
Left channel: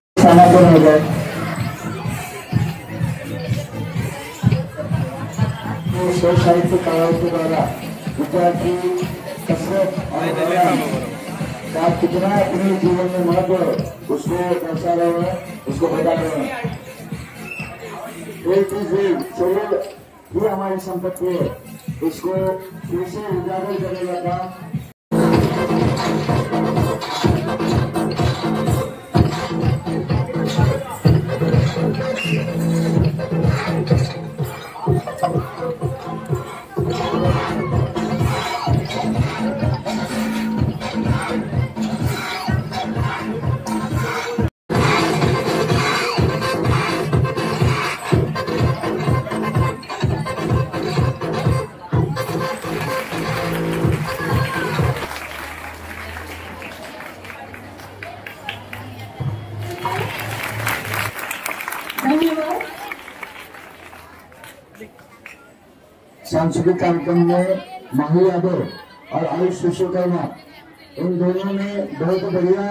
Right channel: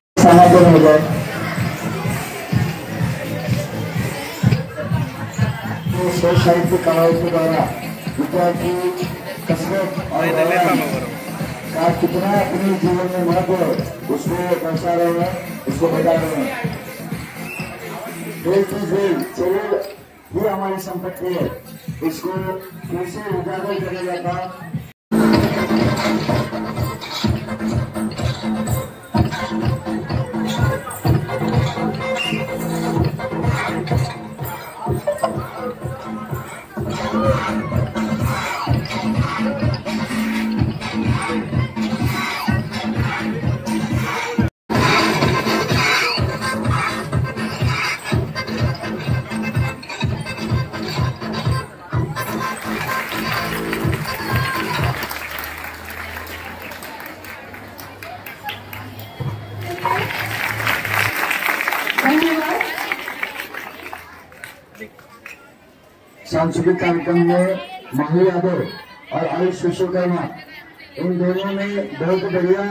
साहित्य कलाओं के द्वारा विद्यार्थी कसरत और कितना अपने जीवन में महत्व उसको दर्शा रहे हैं, उसको बता रहे हैं। एक चीज ये हमारी संपत्ति है, इसको कैसे उजागर करेगा था। सांस्कृतिक कार्यक्रम में माही यादव और आयुष विश्वकर्मा, इन दोनों ने बहुत बढ़िया,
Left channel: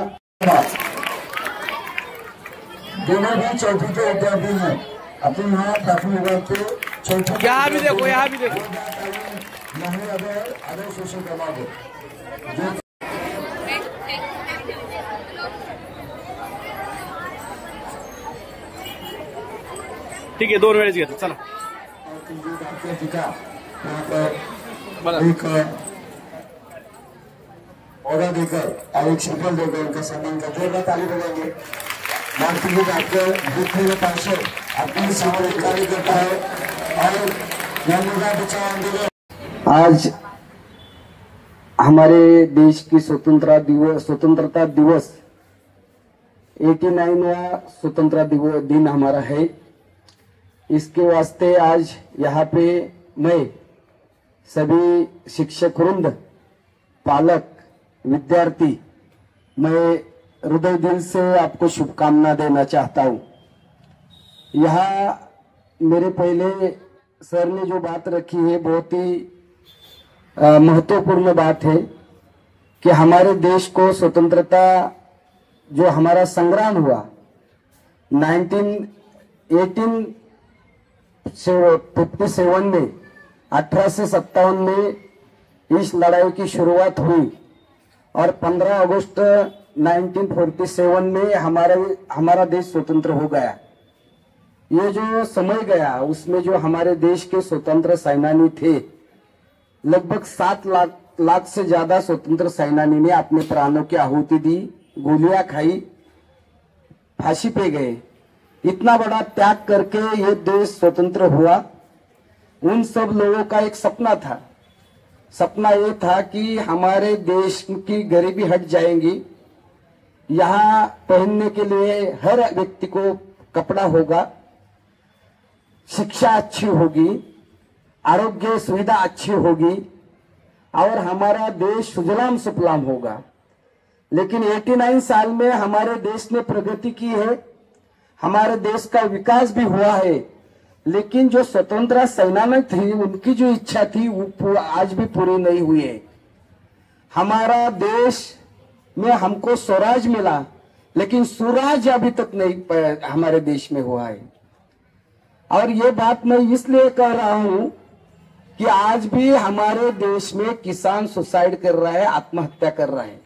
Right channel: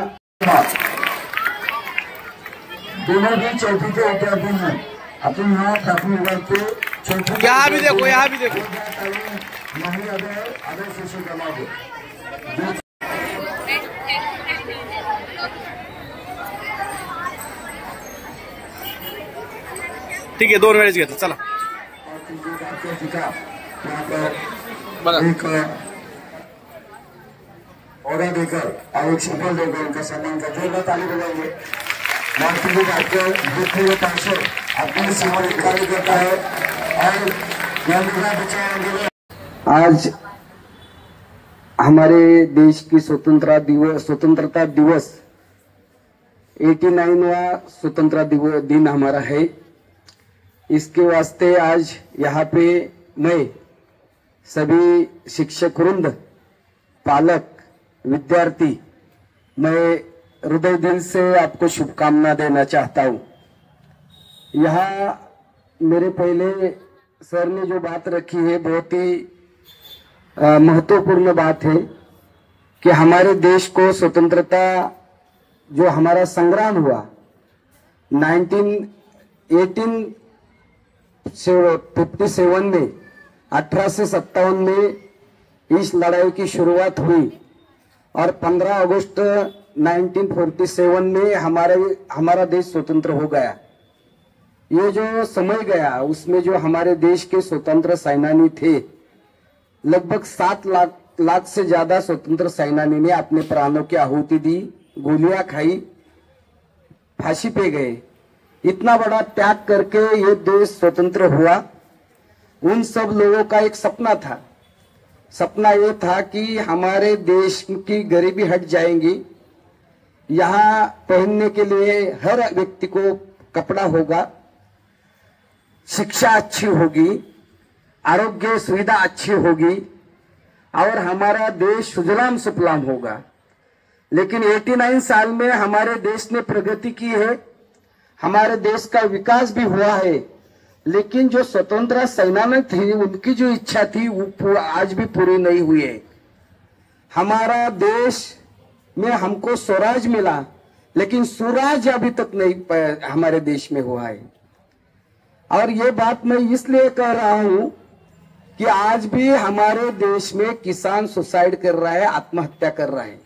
दोनों भी चौथी के विद्यार्थी हैं। अपने यहाँ काफी वर्ग के चौथी, यहाँ भी देखो, यहाँ भी देखो, माही यादव और आयुष विश्वकर्मा को ठीक है, 2 मिनट घेतलं चला। एक और देकर और एक सफल देकर उनका सम्मान करते हैं। ताली बजाएंगे। अपनी सेवा कार्य करता है और आज हमारे देश की स्वतंत्रता दिवस 89वां स्वतंत्रता दिन हमारा है। इसके वास्ते आज यहाँ पे मैं सभी शिक्षक वृंद, पालक, विद्यार्थी, मैं हृदय दिल से आपको शुभकामना देना चाहता हूँ। यहाँ मेरे पहले सर ने जो बात रखी है बहुत ही महत्वपूर्ण बात है कि हमारे देश को स्वतंत्रता जो हमारा संग्राम हुआ 1957 में 1857 में इस लड़ाई की शुरुआत हुई और 15 अगस्त 1947 में हमारा देश स्वतंत्र हो गया। ये जो समय गया उसमें जो हमारे देश के स्वतंत्र सेनानी थे, लगभग 7 लाख से ज्यादा स्वतंत्र सेनानी ने अपने प्राणों की आहुति दी, गोलियां खाई, फांसी पे गए। इतना बड़ा त्याग करके ये देश स्वतंत्र हुआ। उन सब लोगों का एक सपना था। सपना ये था कि हमारे देश की गरीबी हट जाएगी, यहाँ पहनने के लिए हर व्यक्ति को कपड़ा होगा, शिक्षा अच्छी होगी, आरोग्य सुविधा अच्छी होगी और हमारा देश सुजलाम सुफलाम होगा। लेकिन 89 साल में हमारे देश ने प्रगति की है, हमारे देश का विकास भी हुआ है, लेकिन जो स्वतंत्रता सेनानी थी उनकी जो इच्छा थी वो आज भी पूरी नहीं हुई है। हमारा देश में हमको स्वराज मिला, लेकिन स्वराज अभी तक नहीं हमारे देश में हुआ है। और ये बात मैं इसलिए कह रहा हूं कि आज भी हमारे देश में किसान सुसाइड कर रहा है, आत्महत्या कर रहा है।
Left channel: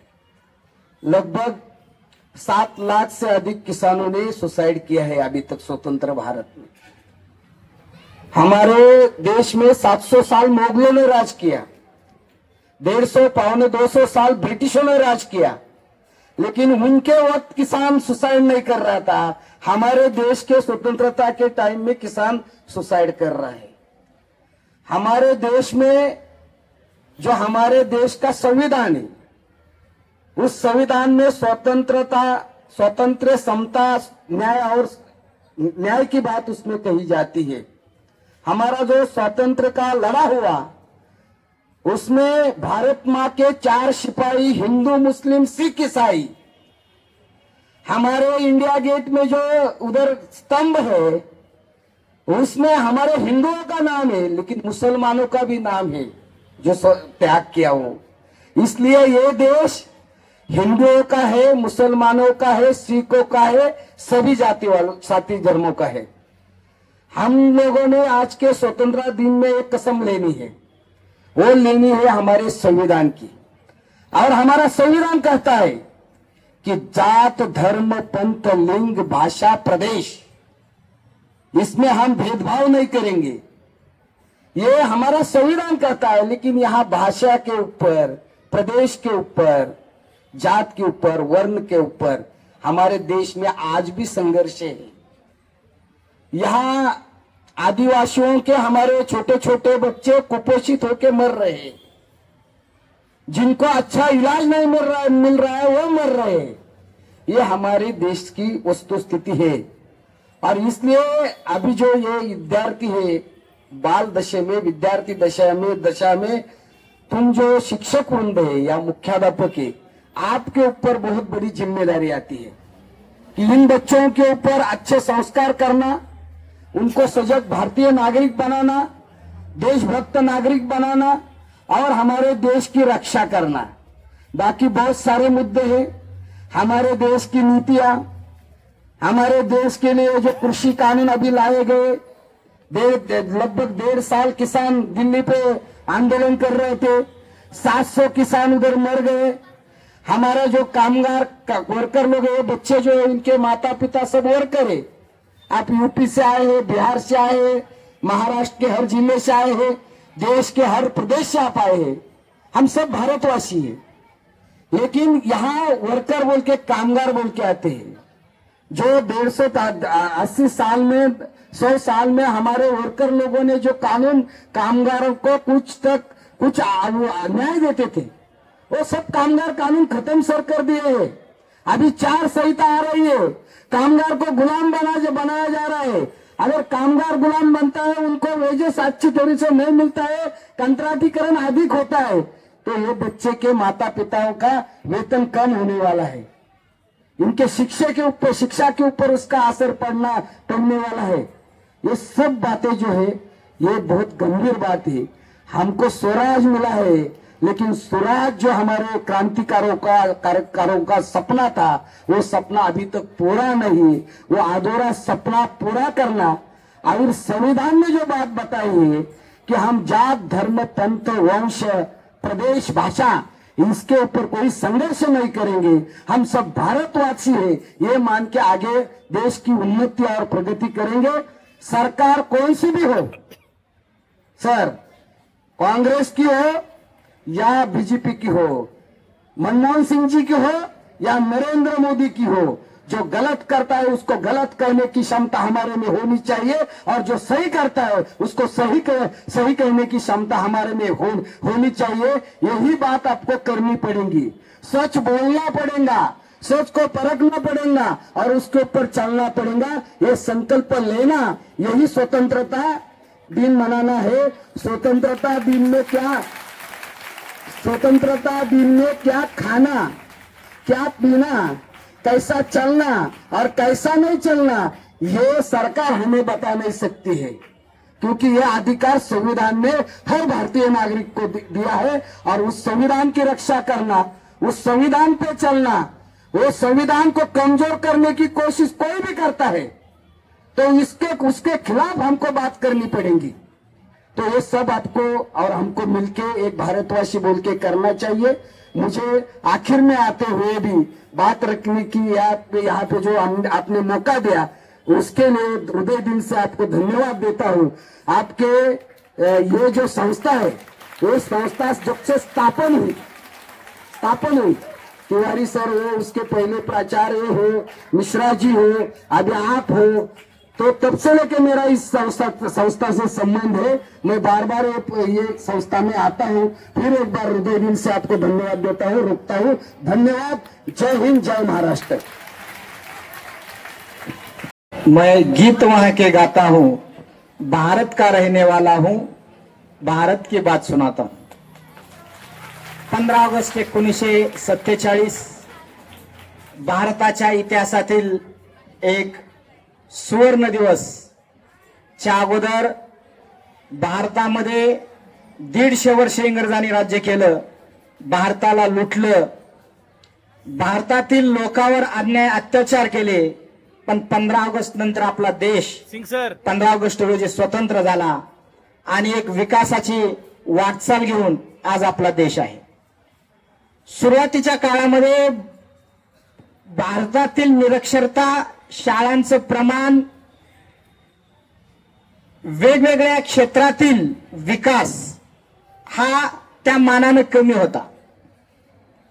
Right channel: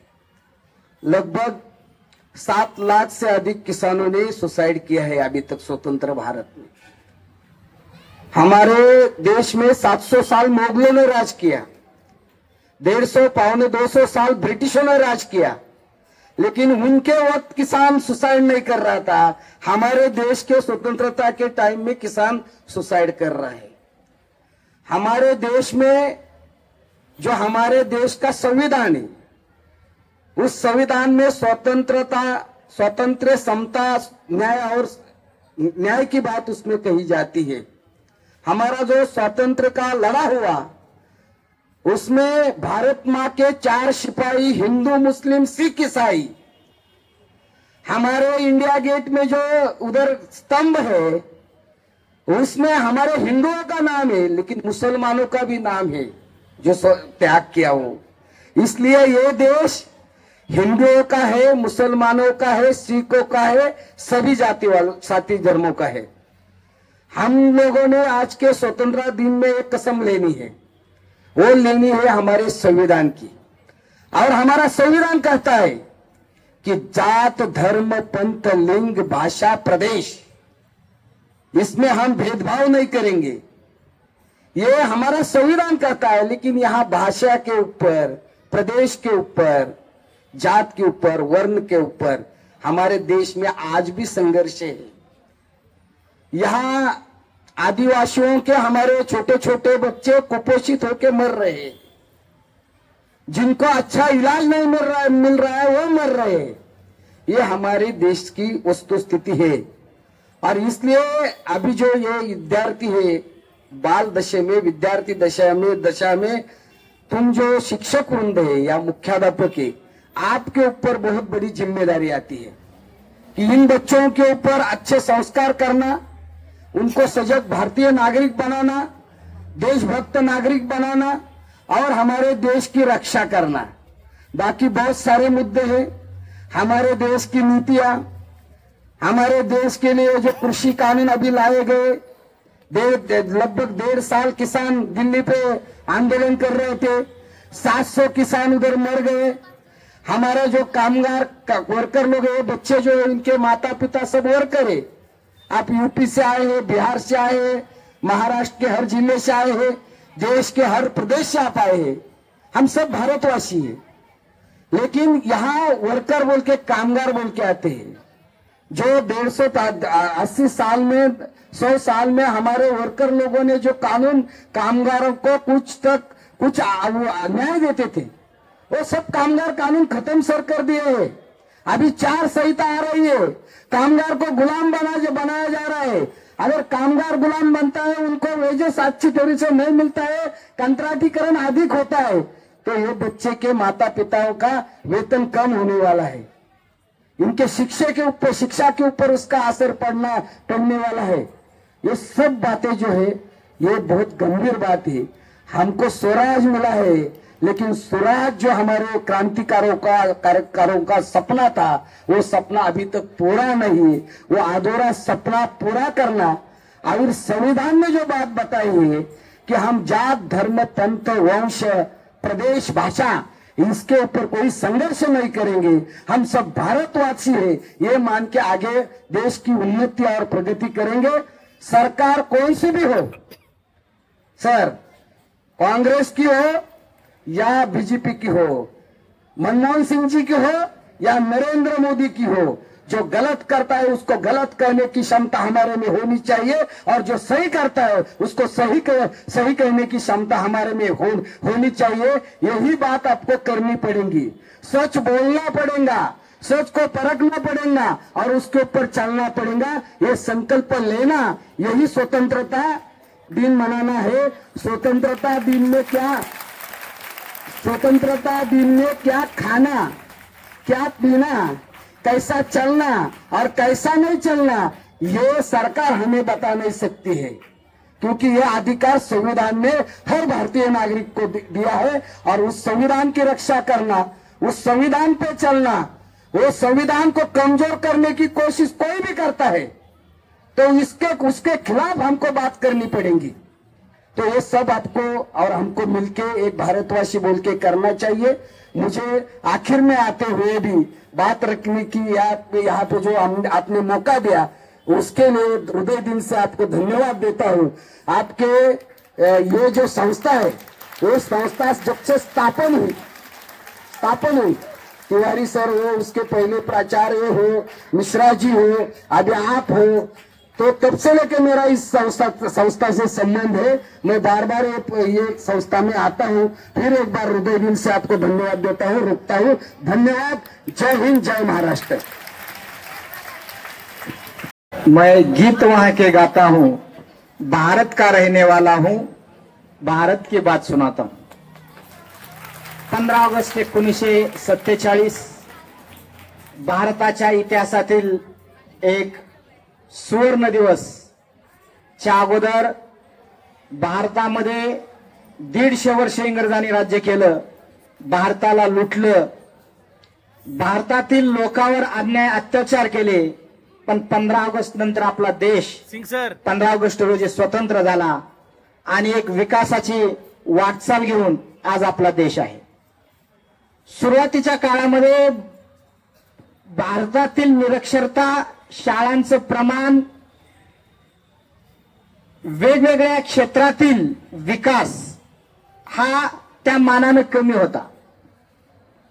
लगभग 7 लाख से अधिक किसानों ने सुसाइड किया है अभी तक स्वतंत्र भारत में। हमारे देश में 700 साल मुगलों ने राज किया, 150 पौने 200 साल ब्रिटिशों ने राज किया, लेकिन उनके वक्त किसान सुसाइड नहीं कर रहा था। हमारे देश के स्वतंत्रता के टाइम में किसान सुसाइड कर रहा है। हमारे देश में जो हमारे देश का संविधान है, उस संविधान में स्वतंत्रता, स्वतंत्र, समता, न्याय और न्याय की बात उसमें कही जाती है। हमारा जो स्वतंत्र का लड़ा हुआ, उसमें भारत माँ के 4 सिपाही, हिंदू, मुस्लिम, सिख, ईसाई। हमारे इंडिया गेट में जो उधर स्तंभ है, उसमें हमारे हिंदुओं का नाम है, लेकिन मुसलमानों का भी नाम है जो त्याग किया हो। इसलिए ये देश हिंदुओं का है, मुसलमानों का है, सिखों का है, सभी जाति वालों, साथी धर्मों का है। हम लोगों ने आज के स्वतंत्रता दिन में एक कसम लेनी है, वो लेनी है हमारे संविधान की। और हमारा संविधान कहता है कि जात, धर्म, पंथ, लिंग, भाषा, प्रदेश, इसमें हम भेदभाव नहीं करेंगे, ये हमारा संविधान कहता है। लेकिन यहाँ भाषा के ऊपर, प्रदेश के ऊपर, जात के ऊपर, वर्ण के ऊपर हमारे देश में आज भी संघर्ष है। यहाँ आदिवासियों के हमारे छोटे छोटे बच्चे कुपोषित होकर मर रहे हैं, जिनको अच्छा इलाज नहीं मिल रहा है वो मर रहे हैं। ये हमारे देश की वस्तु स्थिति है। और इसलिए अभी जो ये विद्यार्थी है, बाल दशा में, विद्यार्थी दशा में तुम जो शिक्षक वृंद है या मुख्याध्यापक है, आपके ऊपर बहुत बड़ी जिम्मेदारी आती है कि इन बच्चों के ऊपर अच्छे संस्कार करना, उनको सजग भारतीय नागरिक बनाना, देशभक्त नागरिक बनाना और हमारे देश की रक्षा करना। बाकी बहुत सारे मुद्दे हैं। हमारे देश की नीतियां, हमारे देश के लिए जो कृषि कानून अभी लाए गए, लगभग 1.5 साल किसान दिल्ली पे आंदोलन कर रहे थे, 700 किसान उधर मर गए। हमारा जो कामगार वर्कर लोग है, बच्चे जो है, उनके माता पिता सब वर्कर है। आप यूपी से आए हैं, बिहार से आए हैं, महाराष्ट्र के हर जिले से आए हैं, देश के हर प्रदेश से आप आए हैं, हम सब भारतवासी हैं। लेकिन यहाँ वर्कर बोल के, कामगार बोल के आते हैं, जो 180 साल में, 100 साल में हमारे वर्कर लोगों ने जो कानून कामगारों को कुछ न्याय देते थे, वो सब कामगार कानून खत्म सर कर दिए हैं। अभी 4 संहिता आ रही है, कामगार को गुलाम बनाया जा रहा है। अगर कामगार गुलाम बनता है, उनको वेजेस अच्छी तरह से नहीं मिलता है, कंट्राटीकरण अधिक होता है, तो ये बच्चे के माता पिताओं का वेतन कम होने वाला है। इनके शिक्षा के ऊपर उसका असर पड़ने वाला है। ये सब बातें जो है, ये बहुत गंभीर बात है। हमको स्वराज मिला है, लेकिन स्वराज जो हमारे क्रांतिकारों का सपना था, वो सपना अभी तक पूरा नहीं। वो अधूरा सपना पूरा करना। और संविधान में जो बात बताई है कि हम जात, धर्म, पंथ, वंश, प्रदेश, भाषा, इसके ऊपर कोई संघर्ष नहीं करेंगे, हम सब भारतवासी हैं, ये मान के आगे देश की उन्नति और प्रगति करेंगे। सरकार कोई सी भी हो, सर, कांग्रेस की हो या बीजेपी की हो, मनमोहन सिंह जी की हो या नरेंद्र मोदी की हो, जो गलत करता है उसको गलत कहने की क्षमता हमारे में होनी चाहिए, और जो सही करता है उसको सही कहने की क्षमता हमारे में होनी चाहिए। यही बात आपको करनी पड़ेगी। सच बोलना पड़ेगा, सच को परखना पड़ेगा और उसके ऊपर चलना पड़ेगा। ये संकल्प लेना, यही स्वतंत्रता दिन मनाना है। स्वतंत्रता दिन में क्या खाना, क्या पीना, कैसा चलना और कैसा नहीं चलना, ये सरकार हमें बता नहीं सकती है, क्योंकि यह अधिकार संविधान ने हर भारतीय नागरिक को दिया है। और उस संविधान की रक्षा करना, उस संविधान पे चलना, वो संविधान को कमजोर करने की कोशिश कोई भी करता है तो उसके खिलाफ हमको बात करनी पड़ेगी। तो ये सब आपको और हमको मिलके एक भारतवासी बोल के करना चाहिए। मुझे आखिर में आते हुए भी बात रखने की यहाँ पे जो आपने मौका दिया, उसके लिए हृदय दिल से आपको धन्यवाद देता हूँ। आपके ये जो संस्था है, वो संस्था जब से स्थापन हुई, तिवारी सर हो, उसके पहले प्राचार्य हो, मिश्रा जी हो, अभी आप हो, तो तब से लेके मेरा इस संस्था से संबंध है। मैं बार बार ये संस्था में आता हूँ। फिर एक बार हृदय दिल से आपको धन्यवाद देता हूँ, रुकता हूँ। धन्यवाद। जय हिंद, जय महाराष्ट्र। मैं गीत वहां के गाता हूँ, भारत का रहने वाला हूँ, भारत की बात सुनाता हूँ। 15 ऑगस्ट 1947 भारताच्या इतिहासातील एक सुवर्ण दिवस। च्या अगोदर भारतामध्ये 150 वर्ष इंग्रजांनी राज्य केलं, भारताला लुटलं, भारतातील लोकांवर अन्याय अत्याचार केले। पण 15 ऑगस्ट नंतर आपला देश 15 ऑगस्ट रोजी स्वतंत्र झाला आणि एक विकासाची वाटचाल घेऊन आज आपला देश आहे। सुरुवातीच्या काळामध्ये भारतातील निरक्षरता, शाळांचं प्रमाण, वेगवेगळ्या क्षेत्रातील विकास हा त्या मानाने कमी होता।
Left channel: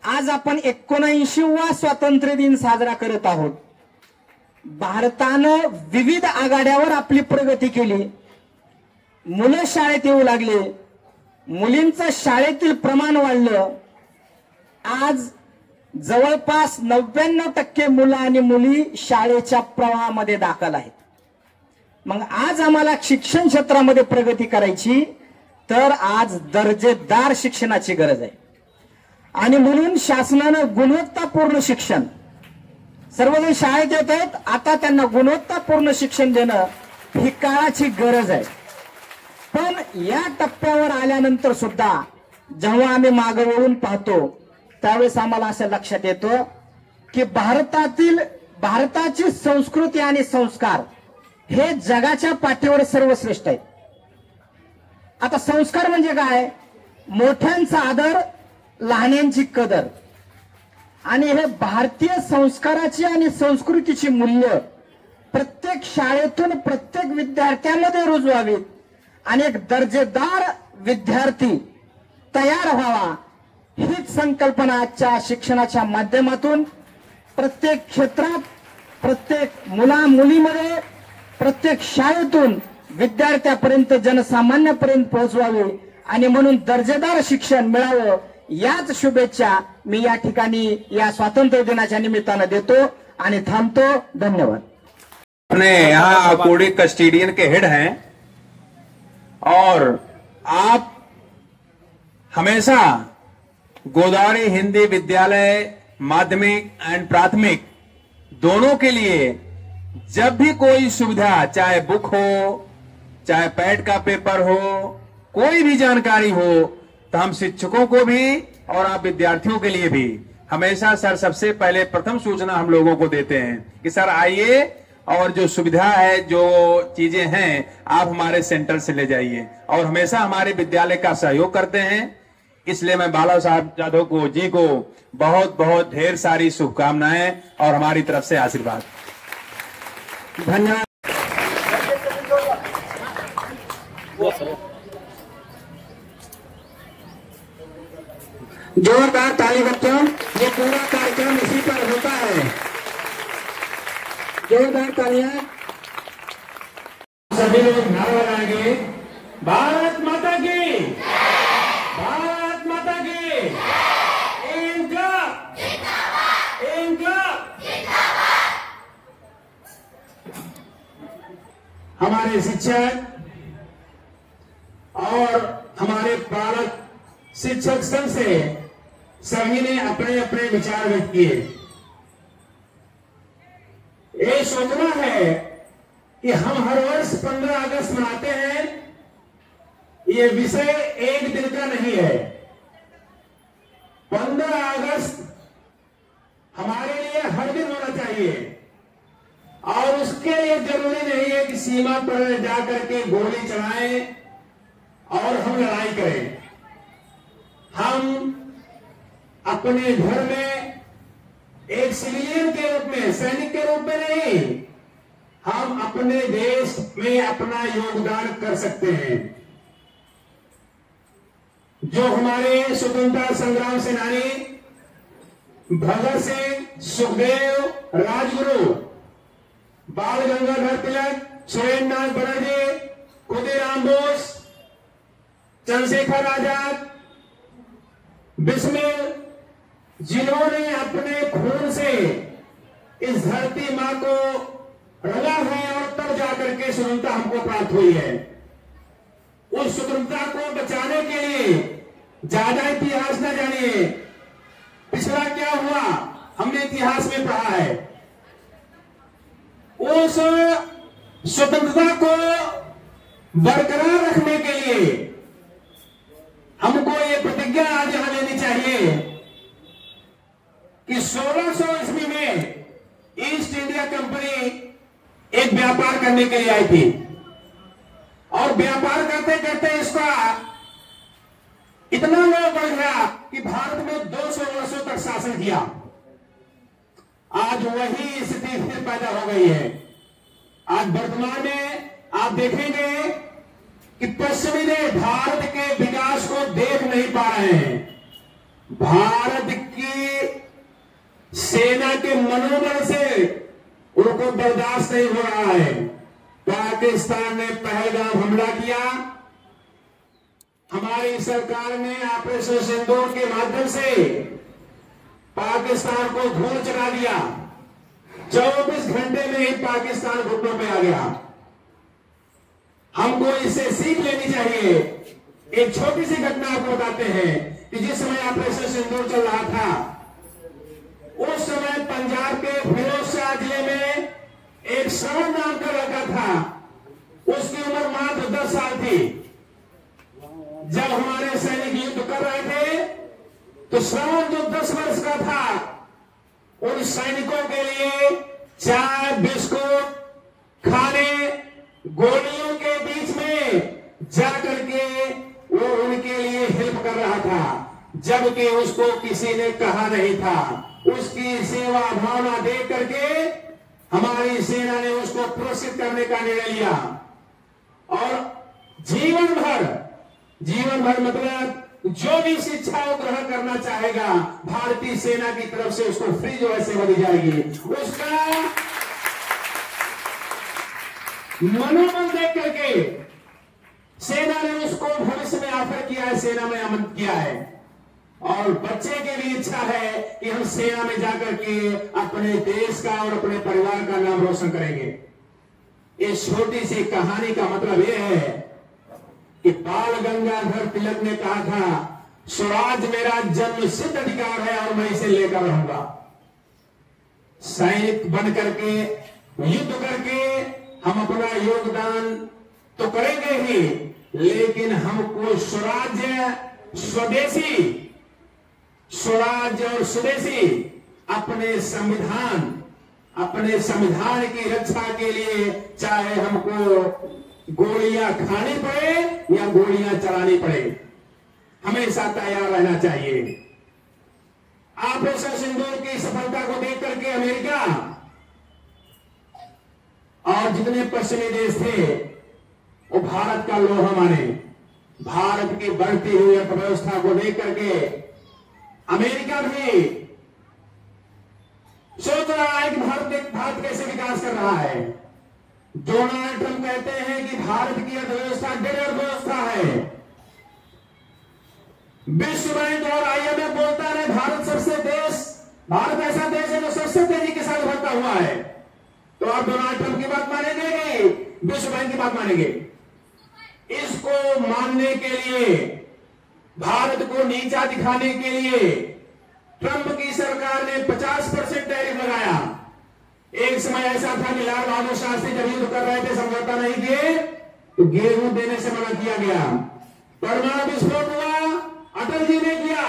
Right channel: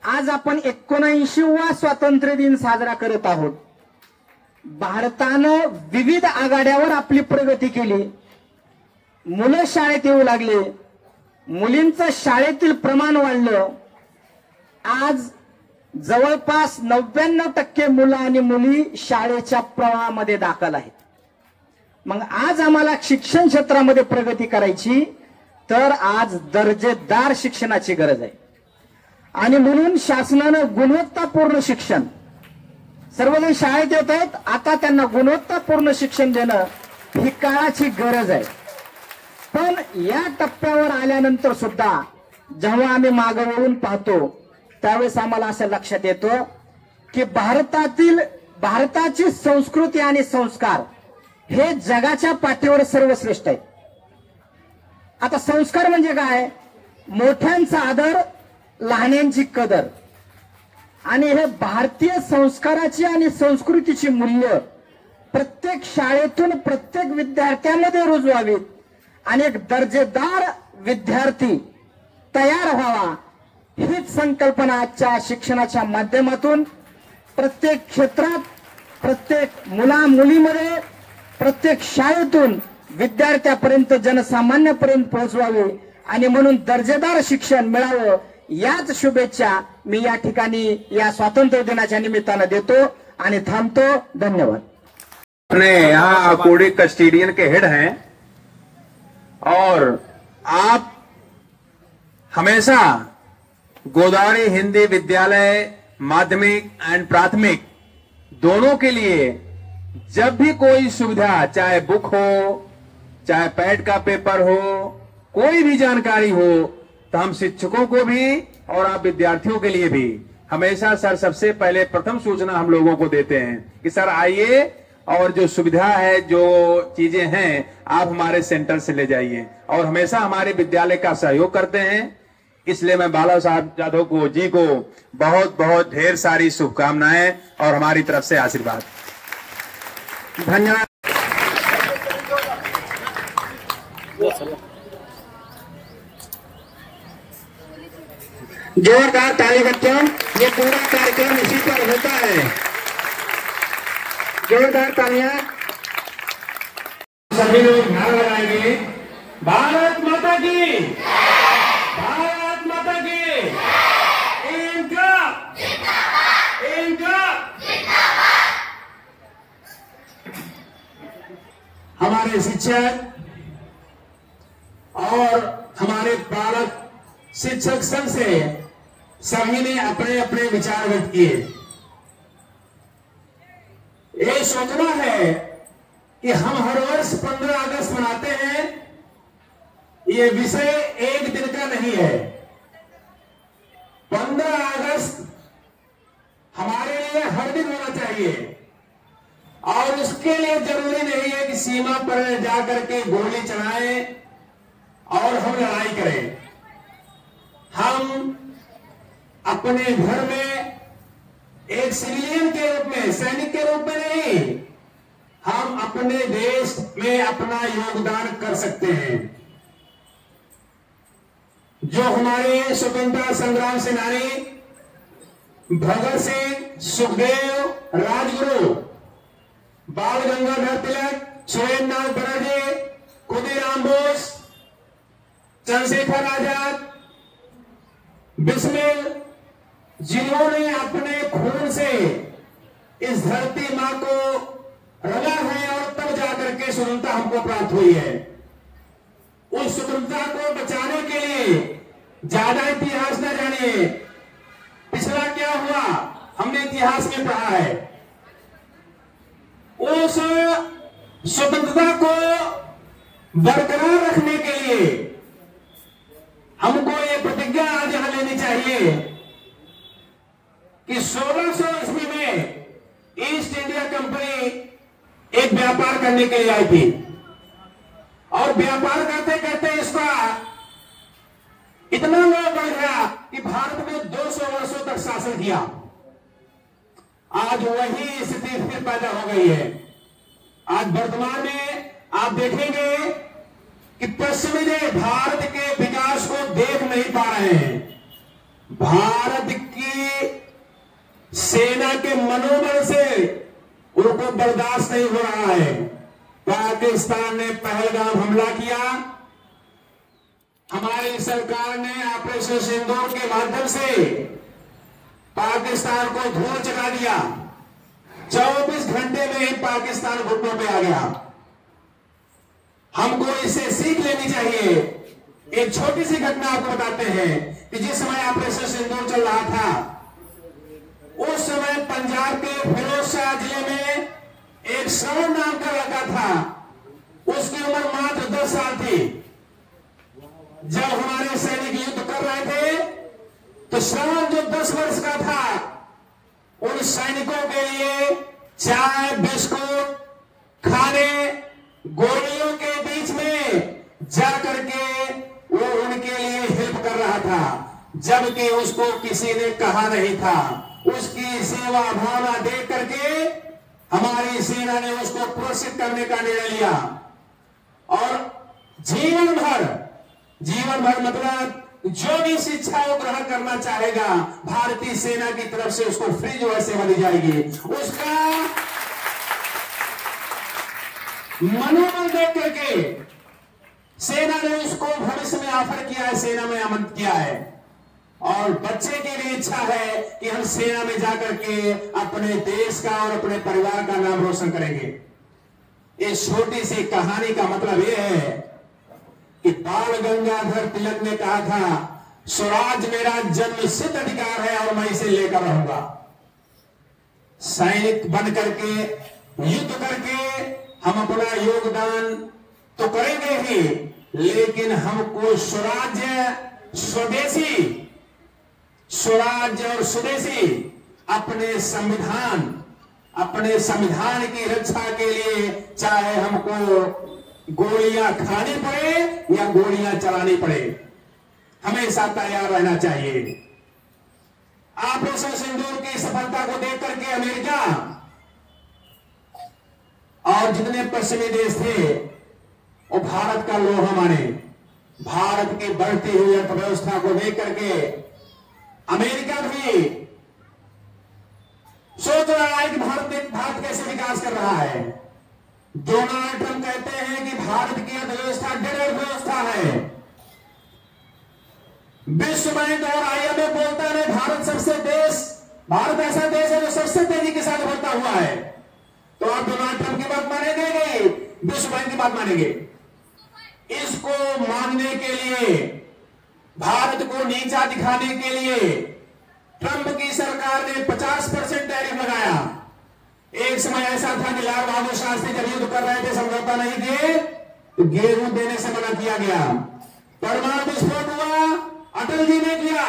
आज आपण 79वा स्वातंत्र्य दिन साजरा करत आहोत। भारतानं विविध आघाड्यावर आपली प्रगती केली, मुलं शाळेत येऊ लागले, मुलींचं शाळेतील प्रमाण वाढलं। आज जवळपास 99% मुलं आणि मुली शाळेच्या प्रवाहामध्ये दाखल आहेत। मग आज आम्हाला शिक्षण क्षेत्रामध्ये प्रगती करायची, तर आज दर्जेदार शिक्षणाची गरज आहे आणि म्हणून शासनानं गुणवत्तापूर्ण शिक्षण, सर्वजण शाळेत येत आहेत, आता त्यांना गुणवत्तापूर्ण शिक्षण देणं ही काळाची गरज आहे। पण या टप्प्यावर आल्यानंतर सुद्धा जेव्हा आम्ही मागे वळून पाहतो त्यावेळेस आम्हाला असं लक्षात येतं की भारताची संस्कृती आणि संस्कार हे जगाच्या पाठीवर सर्वश्रेष्ठ आहेत। आता संस्कार म्हणजे काय? मोठ्यांचा आदर, लहानांची कदर, आणि हे भारतीय संस्काराची आणि संस्कृतीची मूल्य प्रत्येक शाळेतून प्रत्येक विद्यार्थ्यांमध्ये रुजवावीत आणि एक दर्जेदार विद्यार्थी तयार व्हावा, हीच संकल्पना आजच्या शिक्षणाच्या माध्यमातून प्रत्येक क्षेत्रात, प्रत्येक मुलीमध्ये, प्रत्येक शाळेतून विद्यार्थ्यापर्यंत, जनसामान्यापर्यंत पोहोचवावी आणि म्हणून दर्जेदार शिक्षण मिळावं, याच शुभेच्छा मी या ठिकाणी या स्वातंत्र्य दिनाच्या निमित्तानं देतो आणि थांबतो। धन्यवाद। अपने यहाँ कोडी कस्टोडियन के हेड हैं और आप हमेशा गोदावरी हिंदी विद्यालय माध्यमिक एंड प्राथमिक दोनों के लिए जब भी कोई सुविधा, चाहे बुक हो, चाहे पैड का पेपर हो, कोई भी जानकारी हो, तो हम शिक्षकों को भी और आप विद्यार्थियों के लिए भी हमेशा सर सबसे पहले प्रथम सूचना हम लोगों को देते हैं कि सर आइए और जो सुविधा है, जो चीजें हैं, आप हमारे सेंटर से ले जाइए, और हमेशा हमारे विद्यालय का सहयोग करते हैं। इसलिए मैं बाला साहब जाधव जी को बहुत बहुत ढेर सारी शुभकामनाएं और हमारी तरफ से आशीर्वाद। धन्यवाद। जोरदार ताली बच्चों, ये पूरा कार्यक्रम इसी पर होता है। जोरदार तालियां। सभी लोग नारा लगाएंगे, भारत माता की, भारत माता की, इनकलाब, इनकलाब। हमारे शिक्षक और हमारे बालक शिक्षक संघ से सभी ने अपने अपने विचार व्यक्त किए। ये सोचना है कि हम हर वर्ष 15 अगस्त मनाते हैं, ये विषय एक दिन का नहीं है। 15 अगस्त हमारे लिए हर दिन होना चाहिए, और उसके लिए जरूरी नहीं है कि सीमा पर जाकर के गोली चलाएं और हम लड़ाई करें। हम अपने घर में एक सिविलियन के रूप में, सैनिक के रूप में नहीं, हम अपने देश में अपना योगदान कर सकते हैं। जो हमारे स्वतंत्रता संग्राम सेनानी भगत सिंह, सुखदेव, राजगुरु, बाल गंगाधर तिलक, सुरेंद्रनाथ बनर्जी, खुदीराम बोस, चंद्रशेखर आजाद, बिस्मिल, जिन्होंने अपने खून से इस धरती मां को रंगा है और तब जाकर के स्वतंत्रता हमको प्राप्त हुई है। उस स्वतंत्रता को बचाने के लिए ज्यादा इतिहास न जानिए, पिछला क्या हुआ हमने इतिहास में पढ़ा है। उस स्वतंत्रता को बरकरार रखने के लिए हमको ये प्रतिज्ञा आज यहां लेनी चाहिए कि 1600 ईस्वी में ईस्ट इंडिया कंपनी एक व्यापार करने के लिए आई थी और व्यापार करते करते इसका इतना लोग बढ़ गया कि भारत में 200 वर्षों तक शासन किया। आज वही स्थिति फिर पैदा हो गई है। आज वर्तमान में आप देखेंगे कि पश्चिमी देश भारत के विकास को देख नहीं पा रहे हैं। भारत की सेना के मनोबल से उनको बर्दाश्त नहीं हो रहा है। पाकिस्तान ने पहलगाम हमला किया, हमारी सरकार ने ऑपरेशन सिंदूर के माध्यम से पाकिस्तान को धूल चढ़ा दिया। 24 घंटे में ही पाकिस्तान घुटनों पे आ गया। हमको इससे सीख लेनी चाहिए। एक छोटी सी घटना आपको बताते हैं कि जिस समय ऑपरेशन सिंदूर चल रहा था उस समय पंजाब के फिरोजशाह जिले में एक श्रवण नाम का लड़का था। उसकी उम्र मात्र 10 साल थी। जब हमारे सैनिक युद्ध कर रहे थे तो श्रवण जो 10 वर्ष का था उन सैनिकों के लिए चाय, बिस्कुट, खाने, गोलियों के बीच में जा करके वो उनके लिए हेल्प कर रहा था, जबकि उसको किसी ने कहा नहीं था। उसकी सेवा भावना देख करके हमारी सेना ने उसको प्रोत्साहित करने का निर्णय लिया और जीवन भर मतलब जो भी शिक्षा वो ग्रहण करना चाहेगा भारतीय सेना की तरफ से उसको फ्री जो है सेवा दी जाएगी। उसका मनोबल देख करके सेना ने उसको भविष्य में ऑफर किया है, सेना में आमंत्रित किया है और बच्चे की भी इच्छा है कि हम सेना में जाकर के अपने देश का और अपने परिवार का नाम रोशन करेंगे। इस छोटी सी कहानी का मतलब यह है कि बाल गंगाधर तिलक ने कहा था स्वराज मेरा जन्म सिद्ध अधिकार है और मैं इसे लेकर रहूंगा। सैनिक बन करके युद्ध करके हम अपना योगदान तो करेंगे ही, लेकिन हमको स्वराज्य और स्वदेशी अपने संविधान की रक्षा के लिए चाहे हमको गोलियां खानी पड़े या गोलियां चलानी पड़े, हमेशा तैयार रहना चाहिए। ऑपरेशन सिंदूर की सफलता को देख करके अमेरिका और जितने पश्चिमी देश थे वो भारत का लोहा माने। भारत की बढ़ती हुई अर्थव्यवस्था को देख करके अमेरिका भी सोच रहा है कि भारत कैसे विकास कर रहा है। डोनाल्ड ट्रंप कहते हैं कि भारत की अर्थव्यवस्था डेढ़ अर्थव्यवस्था है। विश्व बैंक और IMF बोलता है भारत ऐसा देश है जो सबसे तेजी के साथ बढ़ता हुआ है। तो आप डोनाल्ड ट्रंप की बात मानेंगे, विश्व बैंक की बात मानेंगे? इसको मानने के लिए, भारत को नीचा दिखाने के लिए ट्रंप की सरकार ने 50% टैरिफ लगाया। एक समय ऐसा था कि लाल बहादुर शास्त्री जब युद्ध कर रहे थे, समझौता नहीं थे, तो गेहूं देने से मना किया गया। परमाणु विस्फोट हुआ, अटल जी ने किया,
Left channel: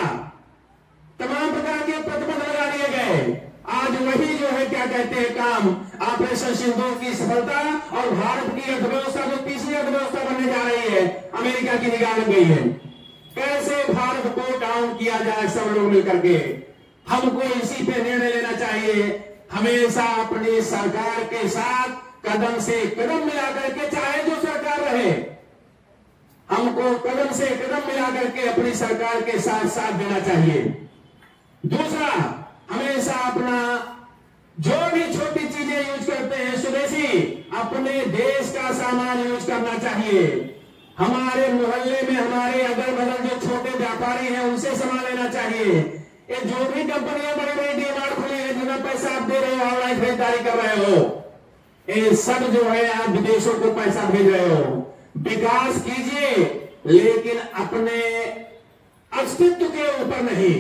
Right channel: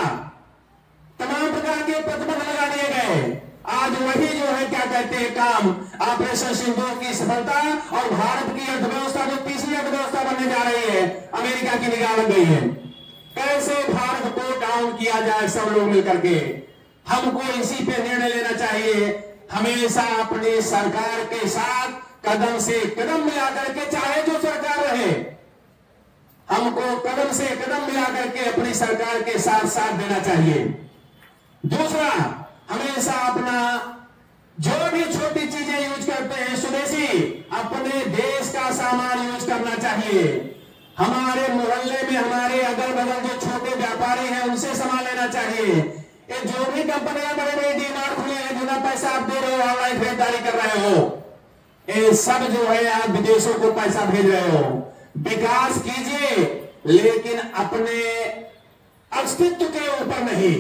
तमाम प्रकार के प्रतिबंध लगा दिए गए। आज वही जो है क्या कहते हैं काम, ऑपरेशन सिंदूर की सफलता और भारत की अर्थव्यवस्था जो तीसरी अर्थव्यवस्था बनने जा रही है, अमेरिका की निगाह लग गई है। कैसे भारत को डाउन किया जाए सब लोग मिलकर के, हमको इसी पे निर्णय लेना चाहिए। हमेशा अपनी सरकार के साथ कदम से कदम मिला करके, चाहे जो सरकार रहे, हमको कदम से कदम मिला करके अपनी सरकार के साथ साथ देना चाहिए। दूसरा, अपना जो भी छोटी चीजें यूज करते हैं स्वदेशी, अपने देश का सामान यूज करना चाहिए। हमारे मोहल्ले में हमारे अगल बगल जो छोटे व्यापारी हैं उनसे सामान लेना चाहिए। ये जो भी कंपनियां बड़ी बड़ी डीमार्ट खुली है, जितना पैसा आप दे रहे हो, ऑनलाइन खरीदारी कर रहे हो, ये सब जो है आप विदेशों को पैसा भेज रहे हो। विकास कीजिए लेकिन अपने अस्तित्व के ऊपर नहीं।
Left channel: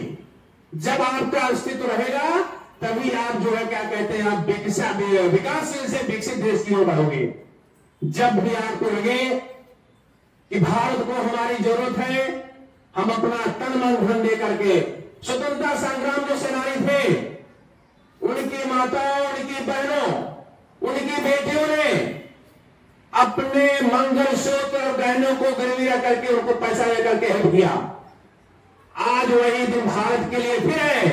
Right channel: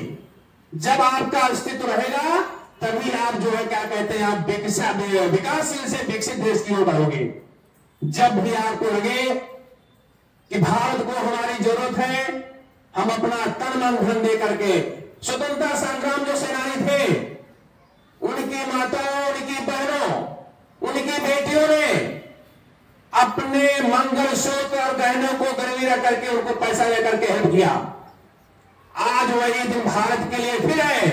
जब आपका अस्तित्व रहेगा तभी आप जो है क्या कहते हैं, आप विकासशील से विकसित देश की ओर बढ़ोगे। जब भी आपको लगे कि भारत को हमारी जरूरत है, हम अपना तन मन धन दे करके, स्वतंत्रता संग्राम जो सेनानी थे, उनकी माताओं, उनकी बहनों, उनकी बेटियों ने अपने मंगलसूत्र और गहनों को गिरवी रख करके उनको पैसा लेकर के हेल्प किया। आज वही दिन भारत के लिए फिर है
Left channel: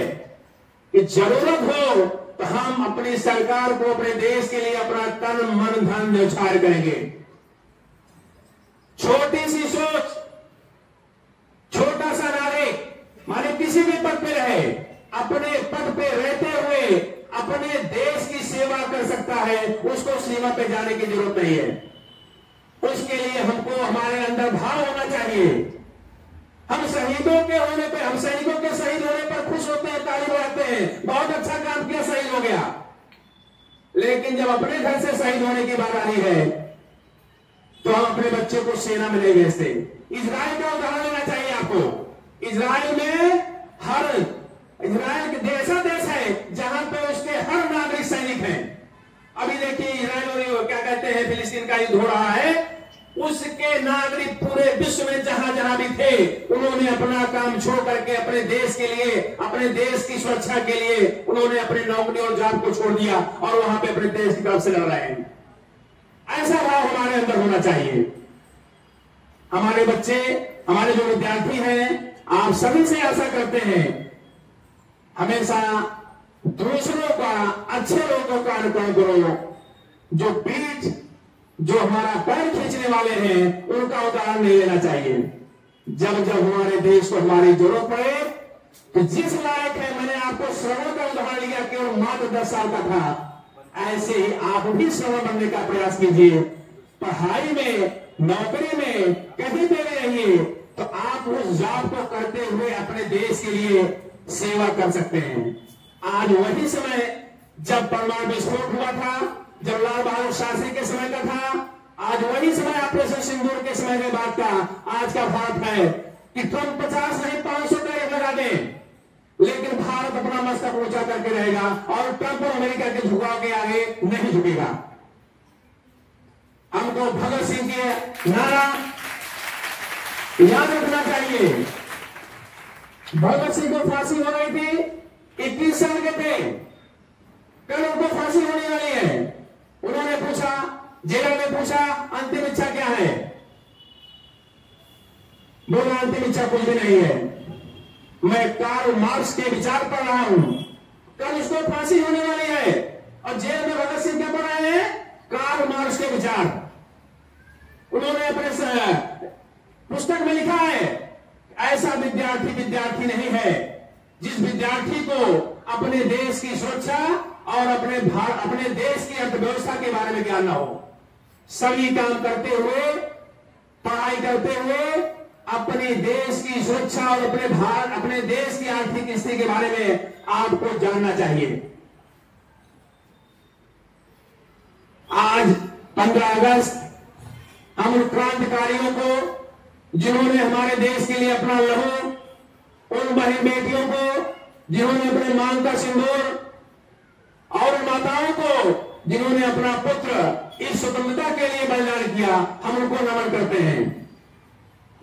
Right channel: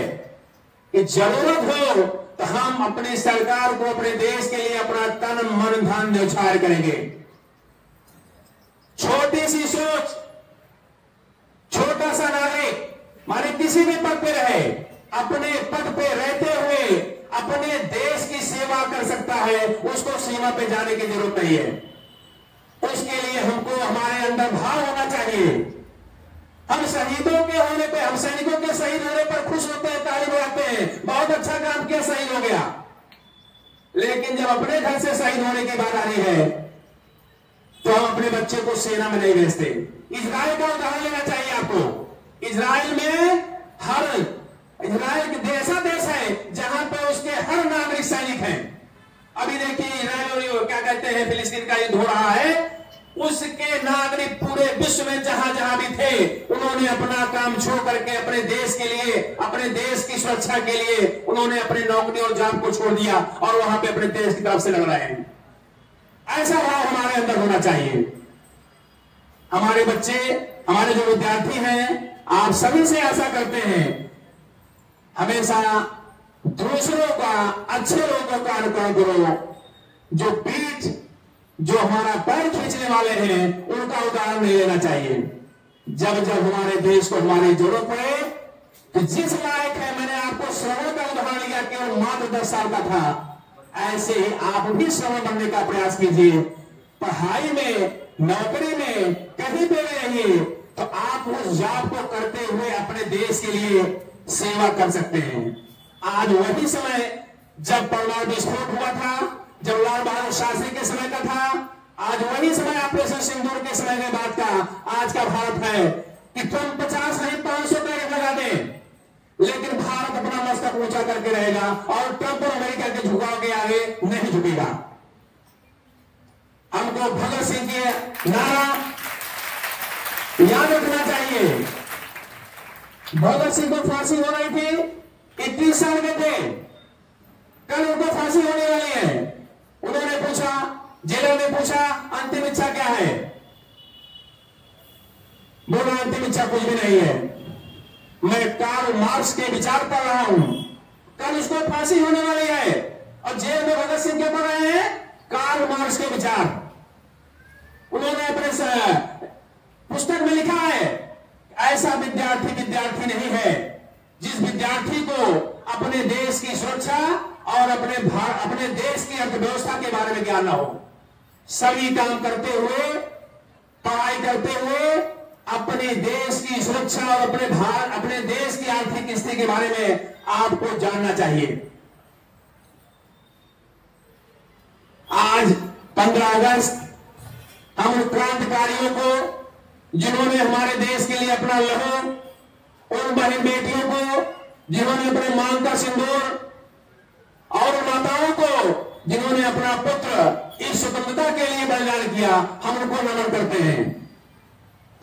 कि जरूरत हो तो हम अपनी सरकार को, अपने देश के लिए अपना तन मन धन न्यौछावर करेंगे। छोटी सी सोच, छोटा सा नागरिक माने किसी भी पद पे रहे, अपने पद पे रहते हुए अपने देश की सेवा कर सकता है। उसको सीमा पे जाने की जरूरत नहीं है। उसके लिए हमको हमारे अंदर भाव होना चाहिए। हम शहीदों के होने पे, हम सैनिकों के शहीद होने पर खुश होते हैं, ताली बजाते हैं, बहुत अच्छा काम किया, शहीद हो गया। लेकिन जब अपने घर से शहीद होने की बात आ रही है तो हम अपने बच्चे को सेना में नहीं भेजते। इजराइल का उदाहरण लेना चाहिए आपको। इजराइल ऐसा देश है जहां पे उसके हर नागरिक सैनिक हैं। अभी देखिए इजराइल क्या कहते हैं, फिलिस्तीन का युद्ध हो रहा है, उसके नागरिक पूरे विश्व में जहां जहां भी थे, उन्होंने अपना काम छोड़ करके अपने देश के लिए, अपने देश की सुरक्षा के लिए उन्होंने अपनी नौकरी और जॉब को छोड़ दिया और वहां पे अपने देश की तरफ से लड़ रहे हैं। ऐसा भाव हमारे अंदर होना चाहिए। हमारे बच्चे, हमारे जो विद्यार्थी हैं, आप सभी से आशा करते हैं हमेशा दूसरों का, अच्छे लोगों का अनुकरण करो। जो पीठ, जो हमारा पैर खींचने वाले हैं, उनका उदाहरण नहीं लेना चाहिए। जब जब हमारे देश को हमारी जरूरत पड़े तो जिस लायक है, मैंने आपको श्रवण का उदाहरण लिया, केवल मात्र 10 साल का था, ऐसे ही आप भी श्रवण बनने का प्रयास कीजिए। पढ़ाई में, नौकरी में, कहीं पे भी रहिए तो आप उस जॉब को करते हुए अपने देश के लिए सेवा कर सकते हैं। आज वही समय जब परमाणु विस्फोट हुआ था, जब लाल बहादुर शास्त्री के समय का था, आज वही समय ऑपरेशन सिंदूर के समय के बाद का आज का भारत है कि ट्रंप 50 नहीं 500 टैरिफ लगा दे, लेकिन भारत अपना मस्तक ऊंचा करके रहेगा और ट्रंप और अमेरिका के झुकाव के आगे नहीं झुकेगा। हमको भगत सिंह के नारा याद रखना चाहिए। भगत सिंह को फांसी हो रही थी, 21 साल के थे, कल उनको फांसी होने वाली है। उन्होंने पूछा, जेलर ने पूछा, अंतिम इच्छा क्या है? बोला अंतिम इच्छा कुछ भी नहीं है, मैं कार्ल मार्क्स के विचार पढ़ रहा हूं। कल उसको फांसी होने वाली है और जेल में भगत सिंह के पढ़ रहे हैं कार्ल मार्क्स के विचार। उन्होंने अपने पुस्तक में लिखा है, ऐसा विद्यार्थी नहीं है जिस विद्यार्थी को अपने देश की सुरक्षा और अपने देश की अर्थव्यवस्था के बारे में ज्ञान न हो। सभी काम करते हुए, पढ़ाई करते हुए अपने देश की सुरक्षा और अपने देश की आर्थिक स्थिति के बारे में आपको जानना चाहिए। आज 15 अगस्त हम उन क्रांतिकारियों को, जिन्होंने हमारे देश के लिए अपना लहू, उन बहन बेटियों को जिन्होंने अपने मांग का सिंदूर, और माताओं को जिन्होंने अपना पुत्र इस स्वतंत्रता के लिए बलिदान किया, हम उनको नमन करते हैं।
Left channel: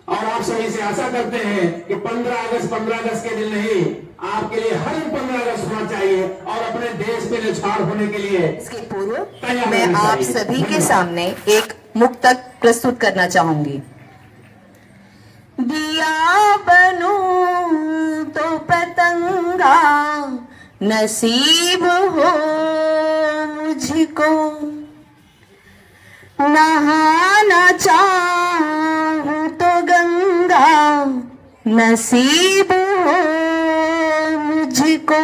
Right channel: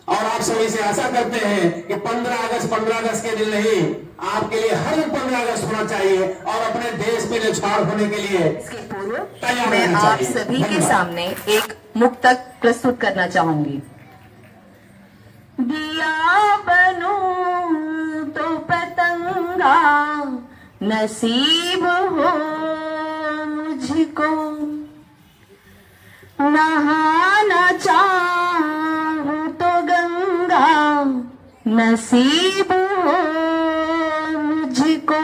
और आप सभी से आशा करते हैं कि 15 अगस्त के दिन नहीं, आपके लिए हर 15 अगस्त होना चाहिए और अपने देश में न्यौछावर होने के लिए इसके पूर्व मैं आप सभी के सामने एक मुक्तक प्रस्तुत करना चाहूंगी। दिया बनूं तो पतंगा नसीब हो मुझको, नहाना चाहूं तो गंगा नसीब हो मुझको,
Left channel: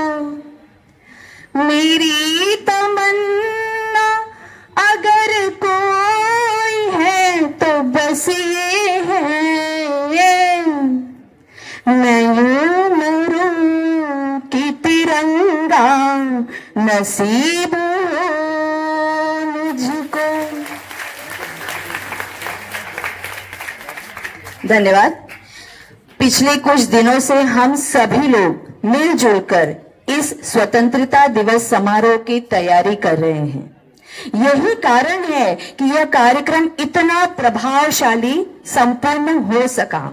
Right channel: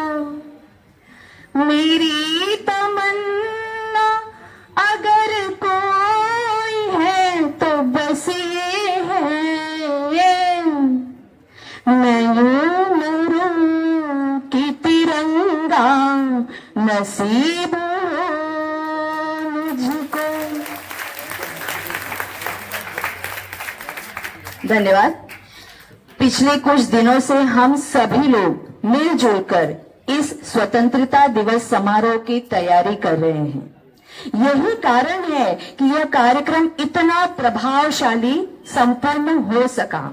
मेरी तमन्ना अगर कोई है तो बस ये है, मैं यूं मरूं कि तिरंगा नसीब हो मुझको। धन्यवाद। पिछले कुछ दिनों से हम सभी लोग मिलजुल कर इस स्वतंत्रता दिवस समारोह की तैयारी कर रहे हैं। यही कारण है कि यह कार्यक्रम इतना प्रभावशाली संपन्न हो सका।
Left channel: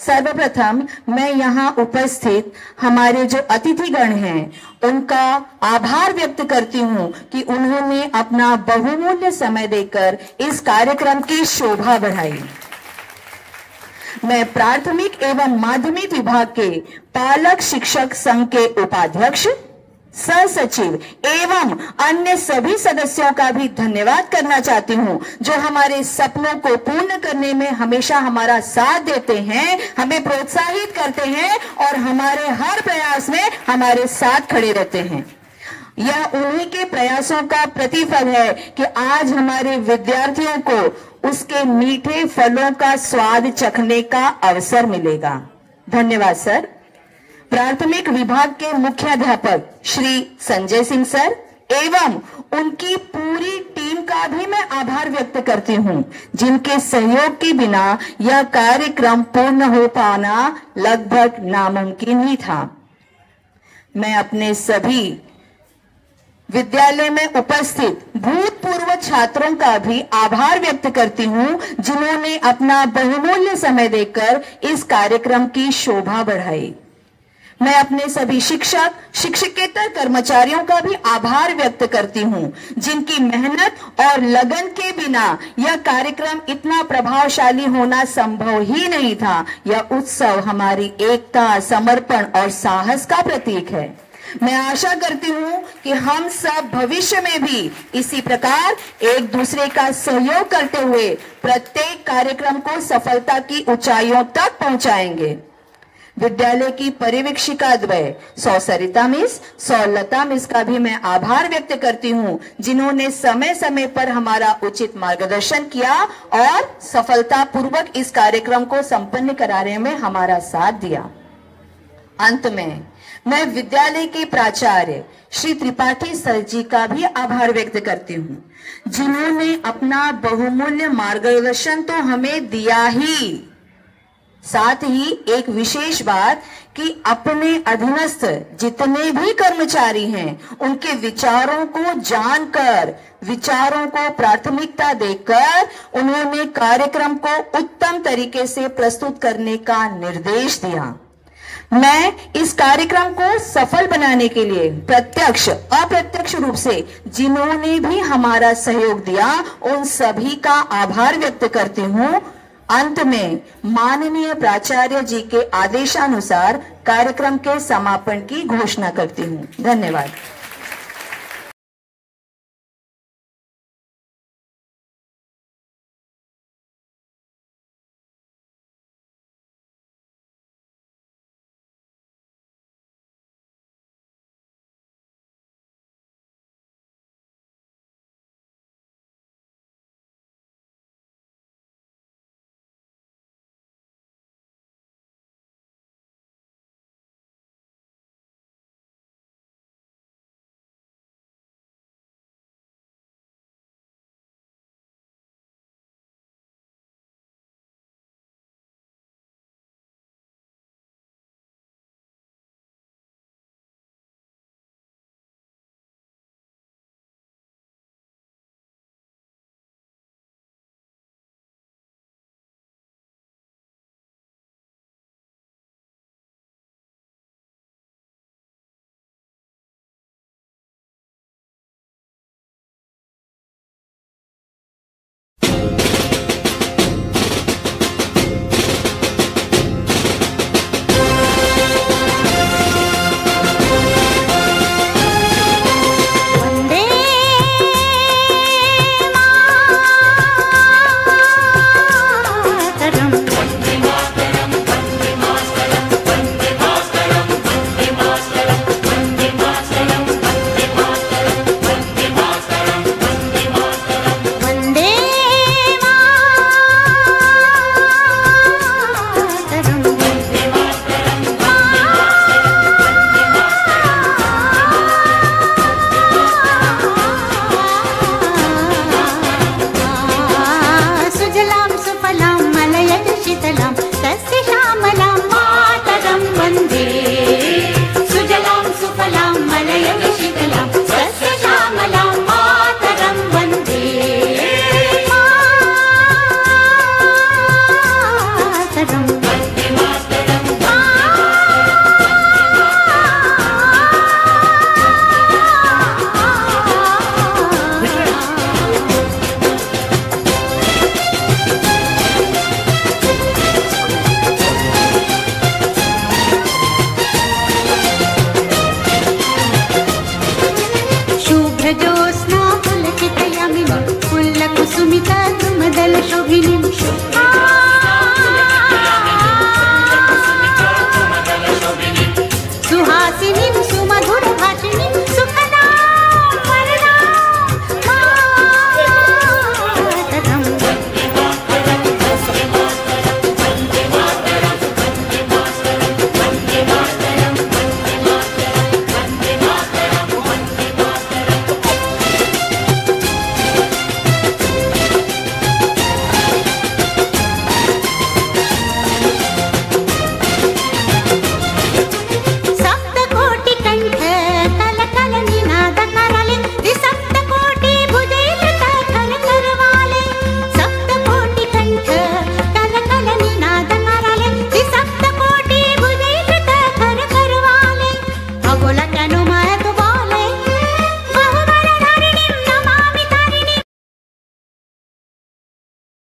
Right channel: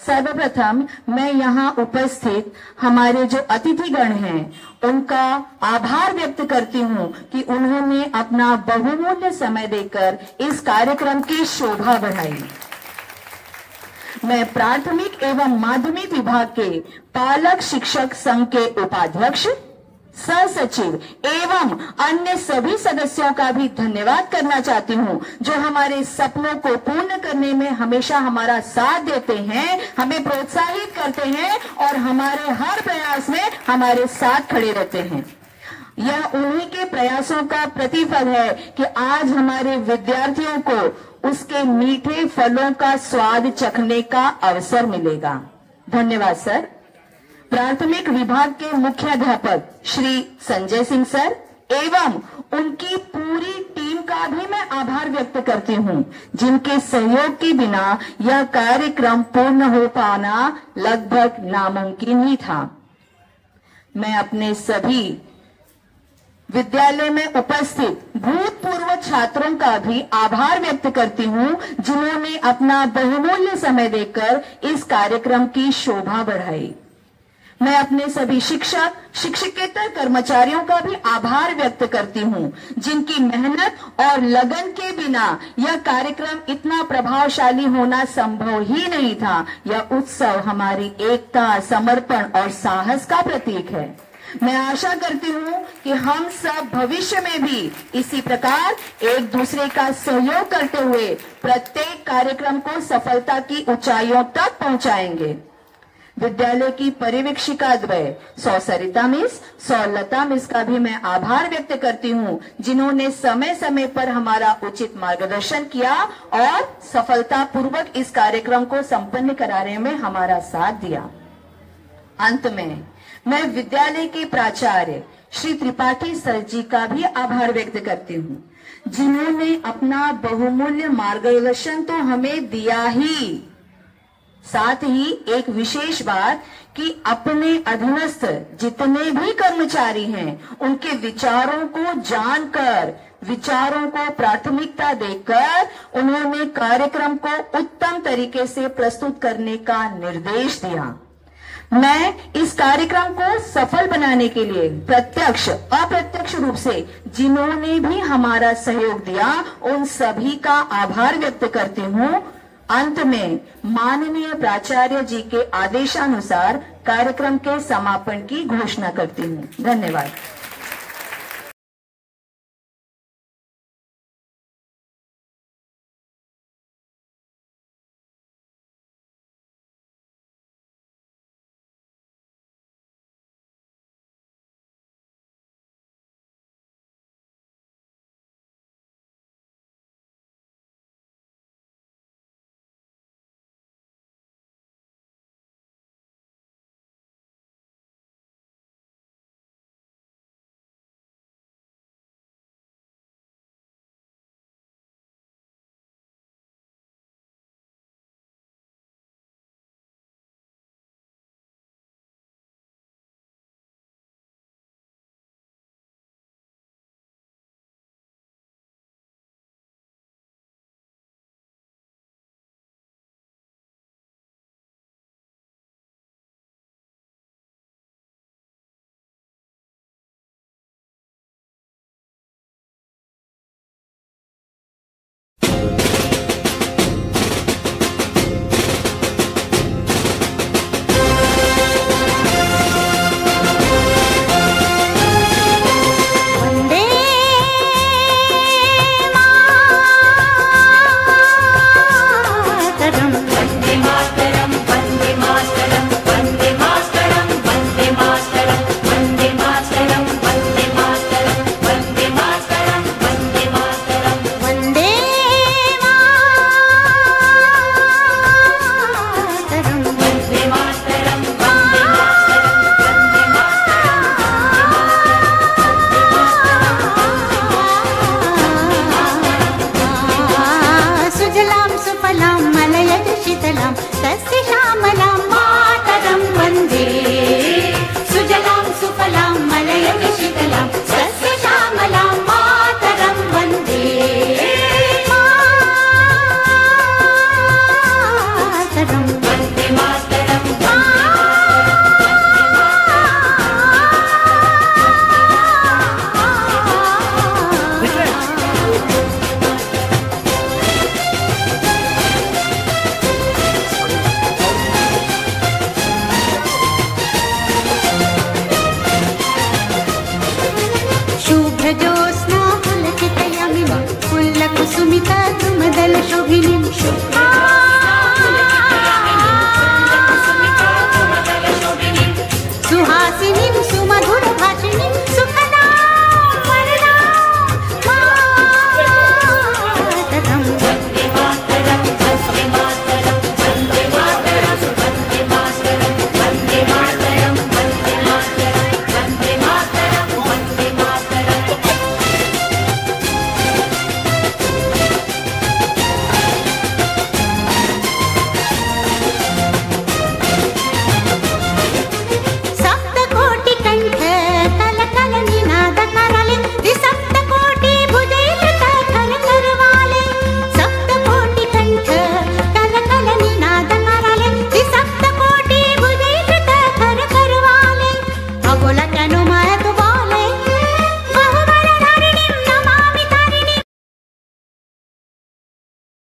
सर्वप्रथम मैं यहाँ उपस्थित हमारे जो अतिथिगण हैं उनका आभार व्यक्त करती हूँ कि उन्होंने अपना बहुमूल्य समय देकर इस कार्यक्रम की शोभा बढ़ाई। मैं प्राथमिक एवं माध्यमिक विभाग के पालक शिक्षक संघ के उपाध्यक्ष, सह सचिव एवं अन्य सभी सदस्यों का भी धन्यवाद करना चाहती हूं, जो हमारे सपनों को पूर्ण करने में हमेशा हमारा साथ देते हैं, हमें प्रोत्साहित करते हैं और हमारे हर प्रयास में हमारे साथ खड़े रहते हैं। यह उन्हीं के प्रयासों का प्रतिफल है कि आज हमारे विद्यार्थियों को उसके मीठे फलों का स्वाद चखने का अवसर मिलेगा। धन्यवाद सर। प्राथमिक विभाग के मुख्याध्यापक श्री संजय सिंह सर एवं उनकी पूरी टीम का भी मैं आभार व्यक्त करती हूं, जिनके सहयोग के बिना यह कार्यक्रम पूर्ण हो पाना लगभग नामुमकिन ही था। मैं अपने सभी विद्यालय में उपस्थित भूतपूर्व छात्रों का भी आभार व्यक्त करती हूं, जिन्होंने अपना बहुमूल्य समय देकर इस कार्यक्रम की शोभा बढ़ाई। मैं अपने सभी शिक्षक शिक्षकेतर कर्मचारियों का भी आभार व्यक्त करती हूं, जिनकी मेहनत और लगन के बिना यह कार्यक्रम इतना प्रभावशाली होना संभव ही नहीं था। यह उत्सव हमारी एकता, समर्पण और साहस का प्रतीक है। मैं आशा करती हूँ कि हम सब भविष्य में भी इसी प्रकार एक दूसरे का सहयोग करते हुए प्रत्येक कार्यक्रम को सफलता की ऊंचाइयों तक पहुंचाएंगे। विद्यालय की पर्यवेक्षिका द्वय सौ सरिता मिस, सौ लता मिस का भी मैं आभार व्यक्त करती हूँ, जिन्होंने समय समय पर हमारा उचित मार्गदर्शन किया और सफलतापूर्वक इस कार्यक्रम को संपन्न कराने में हमारा साथ दिया। अंत में मैं विद्यालय के प्राचार्य श्री त्रिपाठी सर जी का भी आभार व्यक्त करती हूँ, जिन्होंने अपना बहुमूल्य मार्गदर्शन तो हमें दिया ही, साथ ही एक विशेष बात कि अपने अधीनस्थ जितने भी कर्मचारी हैं उनके विचारों को जानकर, विचारों को प्राथमिकता देकर उन्होंने कार्यक्रम को उत्तम तरीके से प्रस्तुत करने का निर्देश दिया। मैं इस कार्यक्रम को सफल बनाने के लिए प्रत्यक्ष अप्रत्यक्ष रूप से जिन्होंने भी हमारा सहयोग दिया उन सभी का आभार व्यक्त करती हूँ। अंत में माननीय प्राचार्य जी के आदेशानुसार कार्यक्रम के समापन की घोषणा करती हूँ। धन्यवाद।